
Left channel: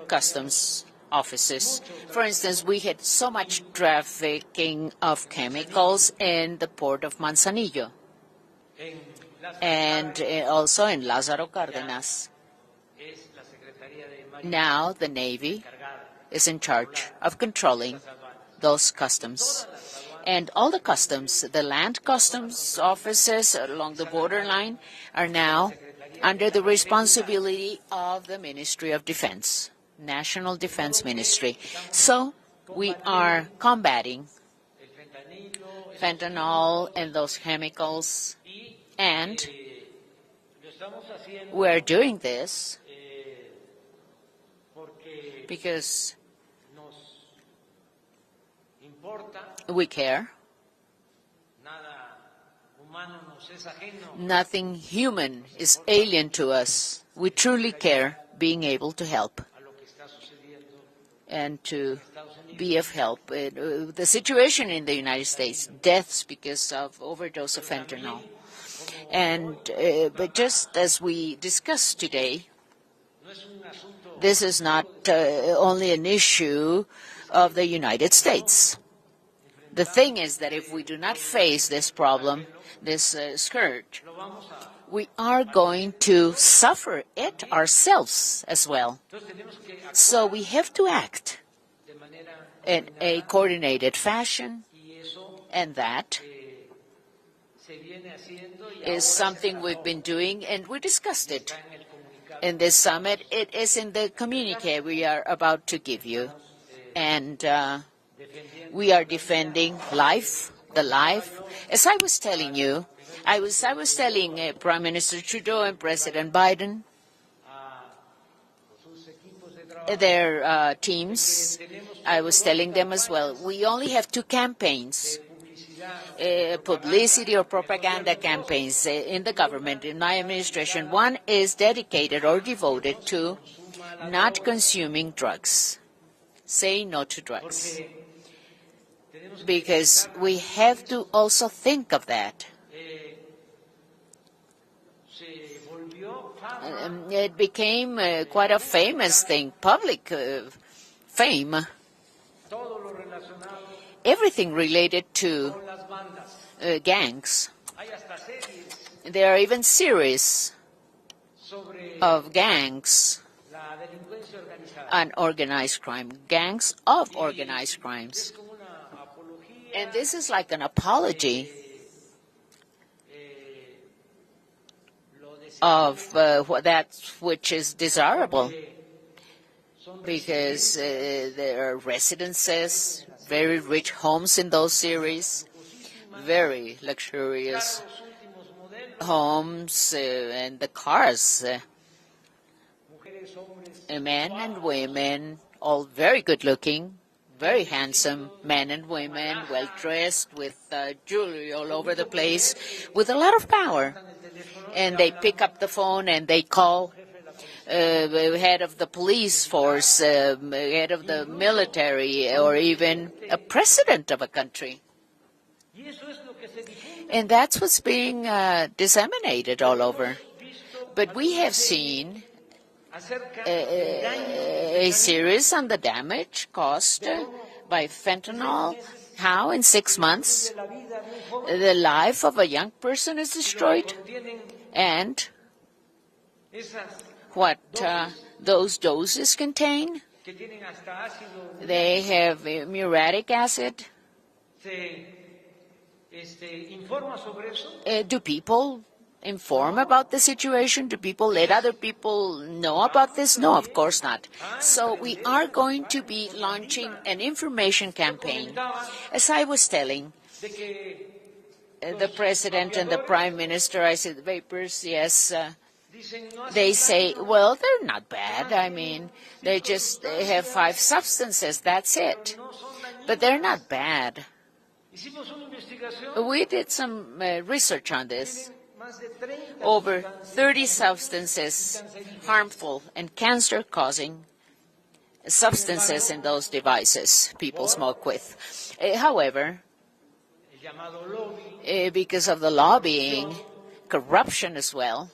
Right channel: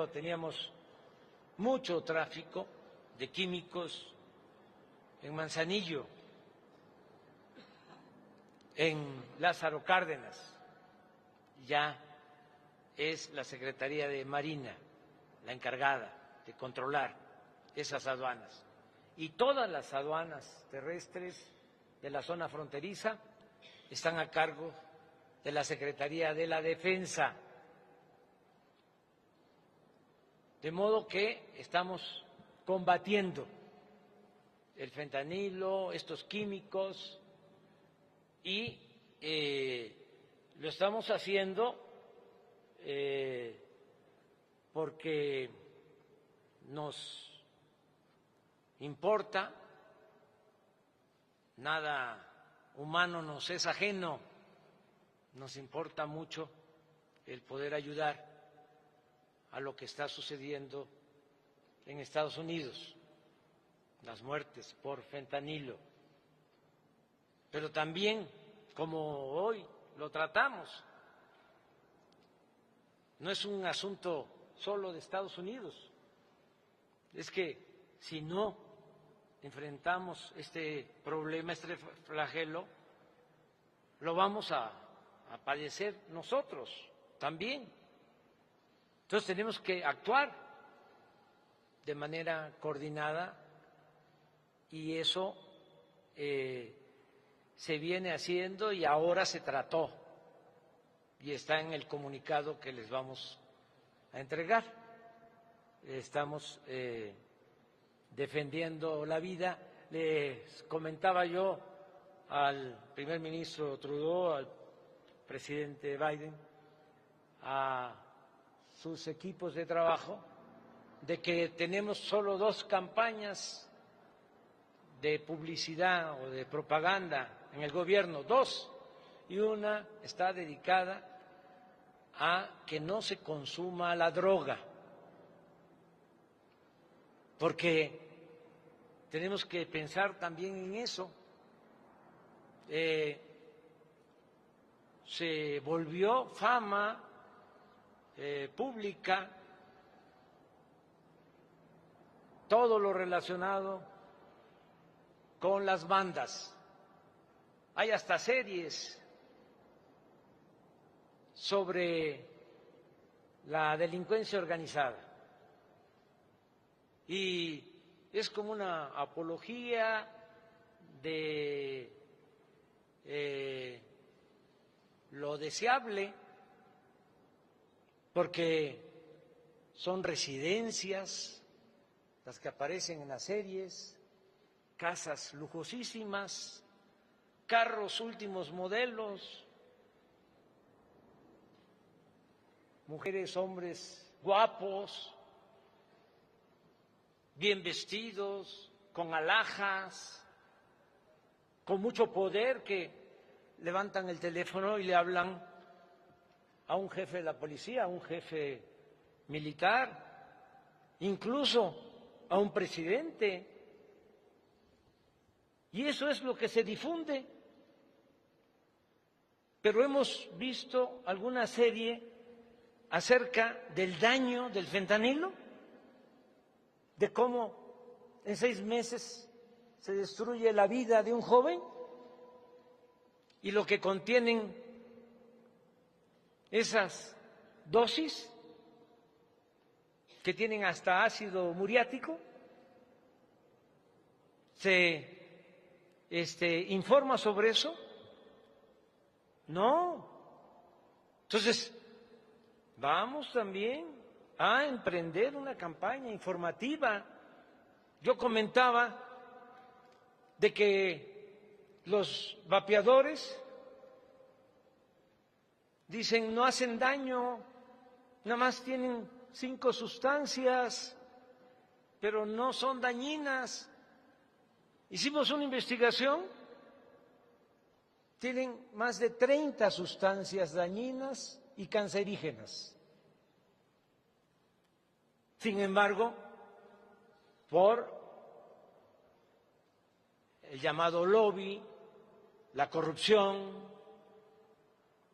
customs offices. For instance, we had so much trafficking of chemicals in the port of Manzanillo and also in Lázaro Cárdenas. Now the Navy is in charge of controlling those customs. And all the customs, the land customs offices along the borderline, are now under the responsibility of the Ministry of Defense, National Defense Ministry. So we are combating fentanyl and those chemicals, and we're doing this because we care. Nothing human is alien to us. We truly care, being able to help and to be of help. The situation in the United States, deaths because of overdose of fentanyl. And but just as we discussed today, this is not only an issue of the United States. The thing is that if we do not face this problem, this scourge, we are going to suffer it ourselves as well. So we have to act in a coordinated fashion, and that is something we've been doing, and we discussed it in this summit. It is in the communique we are about to give you. And we are defending life, the life. As I was telling you, I was telling Prime Minister Trudeau and President Biden, their teams, I was telling them as well, we only have two campaigns, publicity or propaganda campaigns in the government, in my administration. One is dedicated or devoted to not consuming drugs, saying no to drugs. because we have to also think of that. It became quite a famous thing, public fame. Everything related to gangs. There are even series of gangs and organized crime, gangs of organized crimes. And this is like an apology of that which is desirable, because there are residences, very rich homes in those series, very luxurious homes, and the cars, men and women, all very good looking, very handsome men and women, well dressed, with jewelry all over the place, with a lot of power. And they pick up the phone and they call head of the police force, head of the military, or even a president of a country. And that's what's being disseminated all over. But we have seen a series on the damage caused by fentanyl, how in 6 months the life of a young person is destroyed, and what those doses contain. They have muriatic acid. Do people inform about the situation? Do people let other people know about this? No, of course not. So we are going to be launching an information campaign. As I was telling the President and the Prime Minister, I said, the vapors, yes, they say, well, they're not bad. I mean, they just have 5 substances, that's it. But they're not bad. We did some research on this. Over 30 substances, harmful and cancer-causing substances in those devices people smoke with. However, because of the lobbying, corruption as well,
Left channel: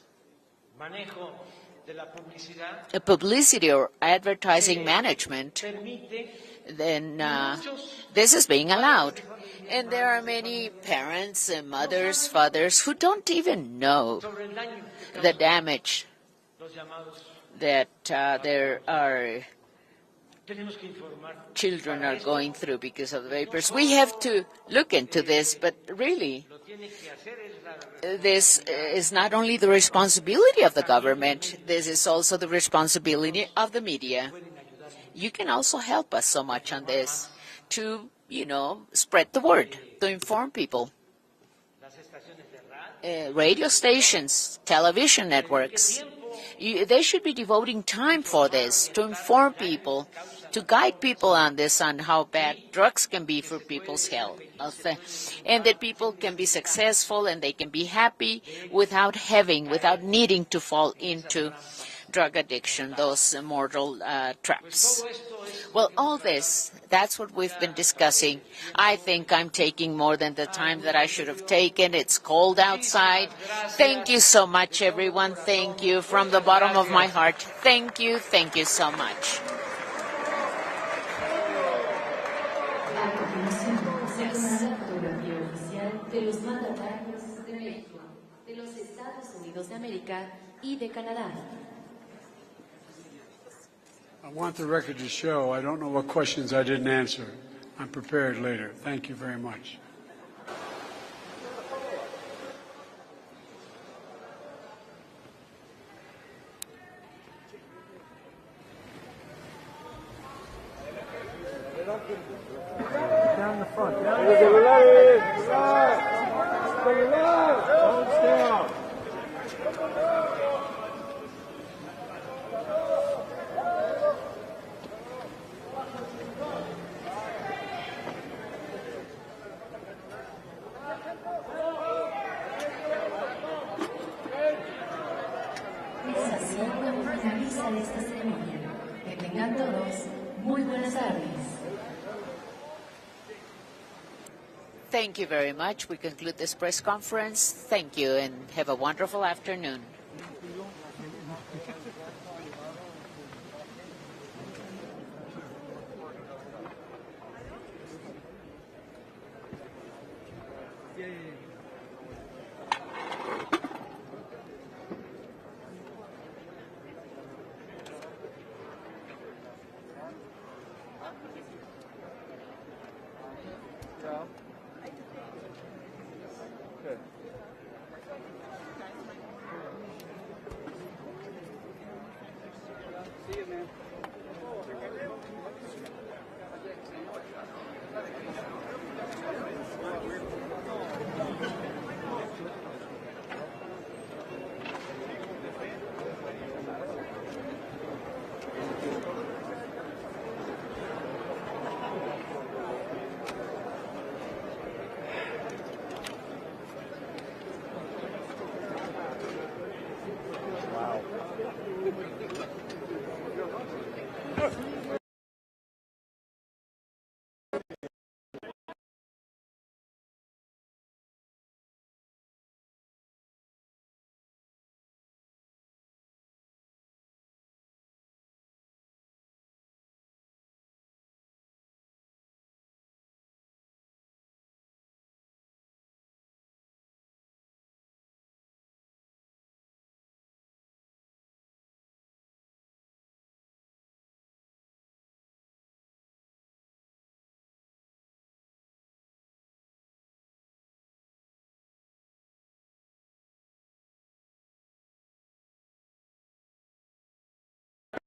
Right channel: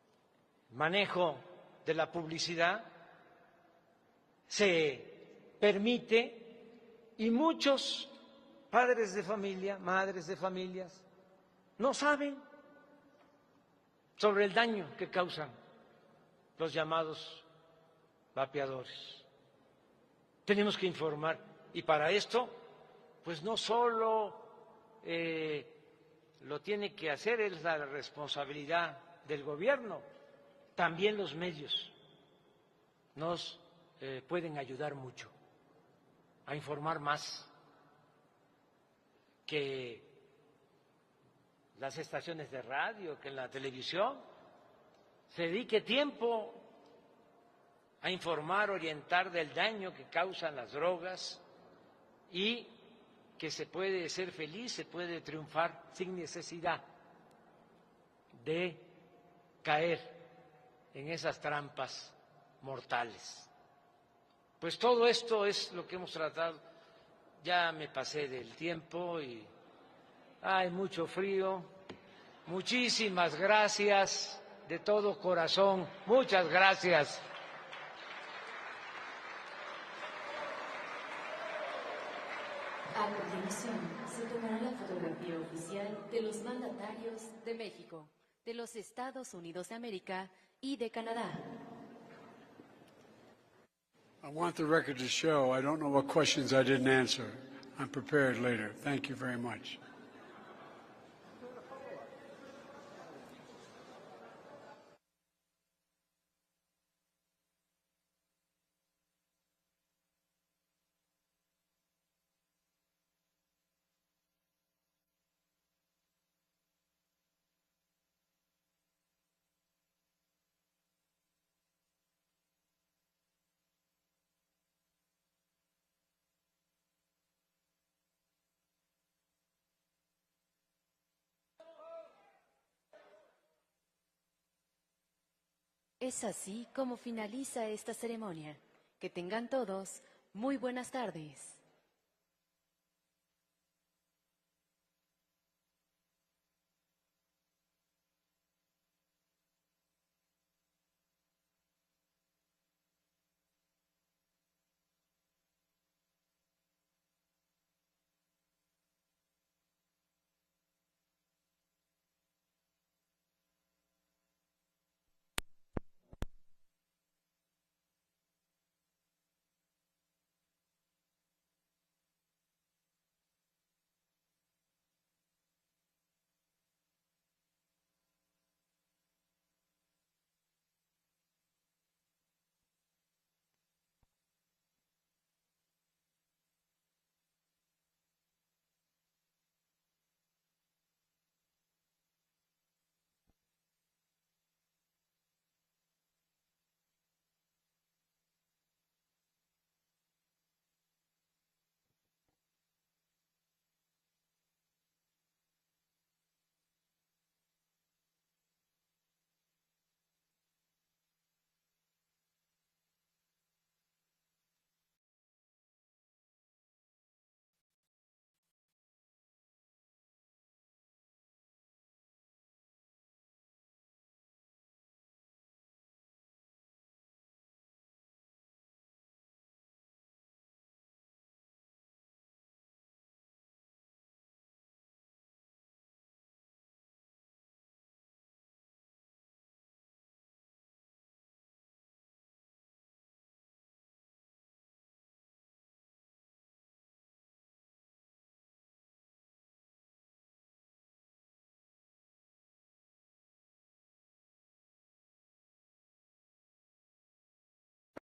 publicity or advertising management, then this is being allowed. And there are many parents, mothers, fathers who don't even know the damage that there are children are going through because of the vapors. We have to look into this, but really, this is not only the responsibility of the government, this is also the responsibility of the media. You can also help us so much on this to, spread the word, to inform people. Radio stations, television networks, they should be devoting time for this, to inform people, to guide people on this, on how bad drugs can be for people's health, and that people can be successful and they can be happy without needing to fall into drug addiction, those mortal traps. Well, all this, that's what we've been discussing. I think I'm taking more than the time that I should have taken. It's cold outside. Thank you so much, everyone. Thank you from the bottom of my heart. Thank you so much. A continuación, se tomará la fotografía oficial de los mandatarios de México, de los Estados Unidos de América y de Canadá. I want the record to show I don't know what questions I didn't answer. I'm prepared later. Thank you very much. Down the front. Finalizar esta ceremonia. Que tengan todos muy buenas tardes. Thank you very much. We conclude this press conference. Thank you and have a wonderful afternoon.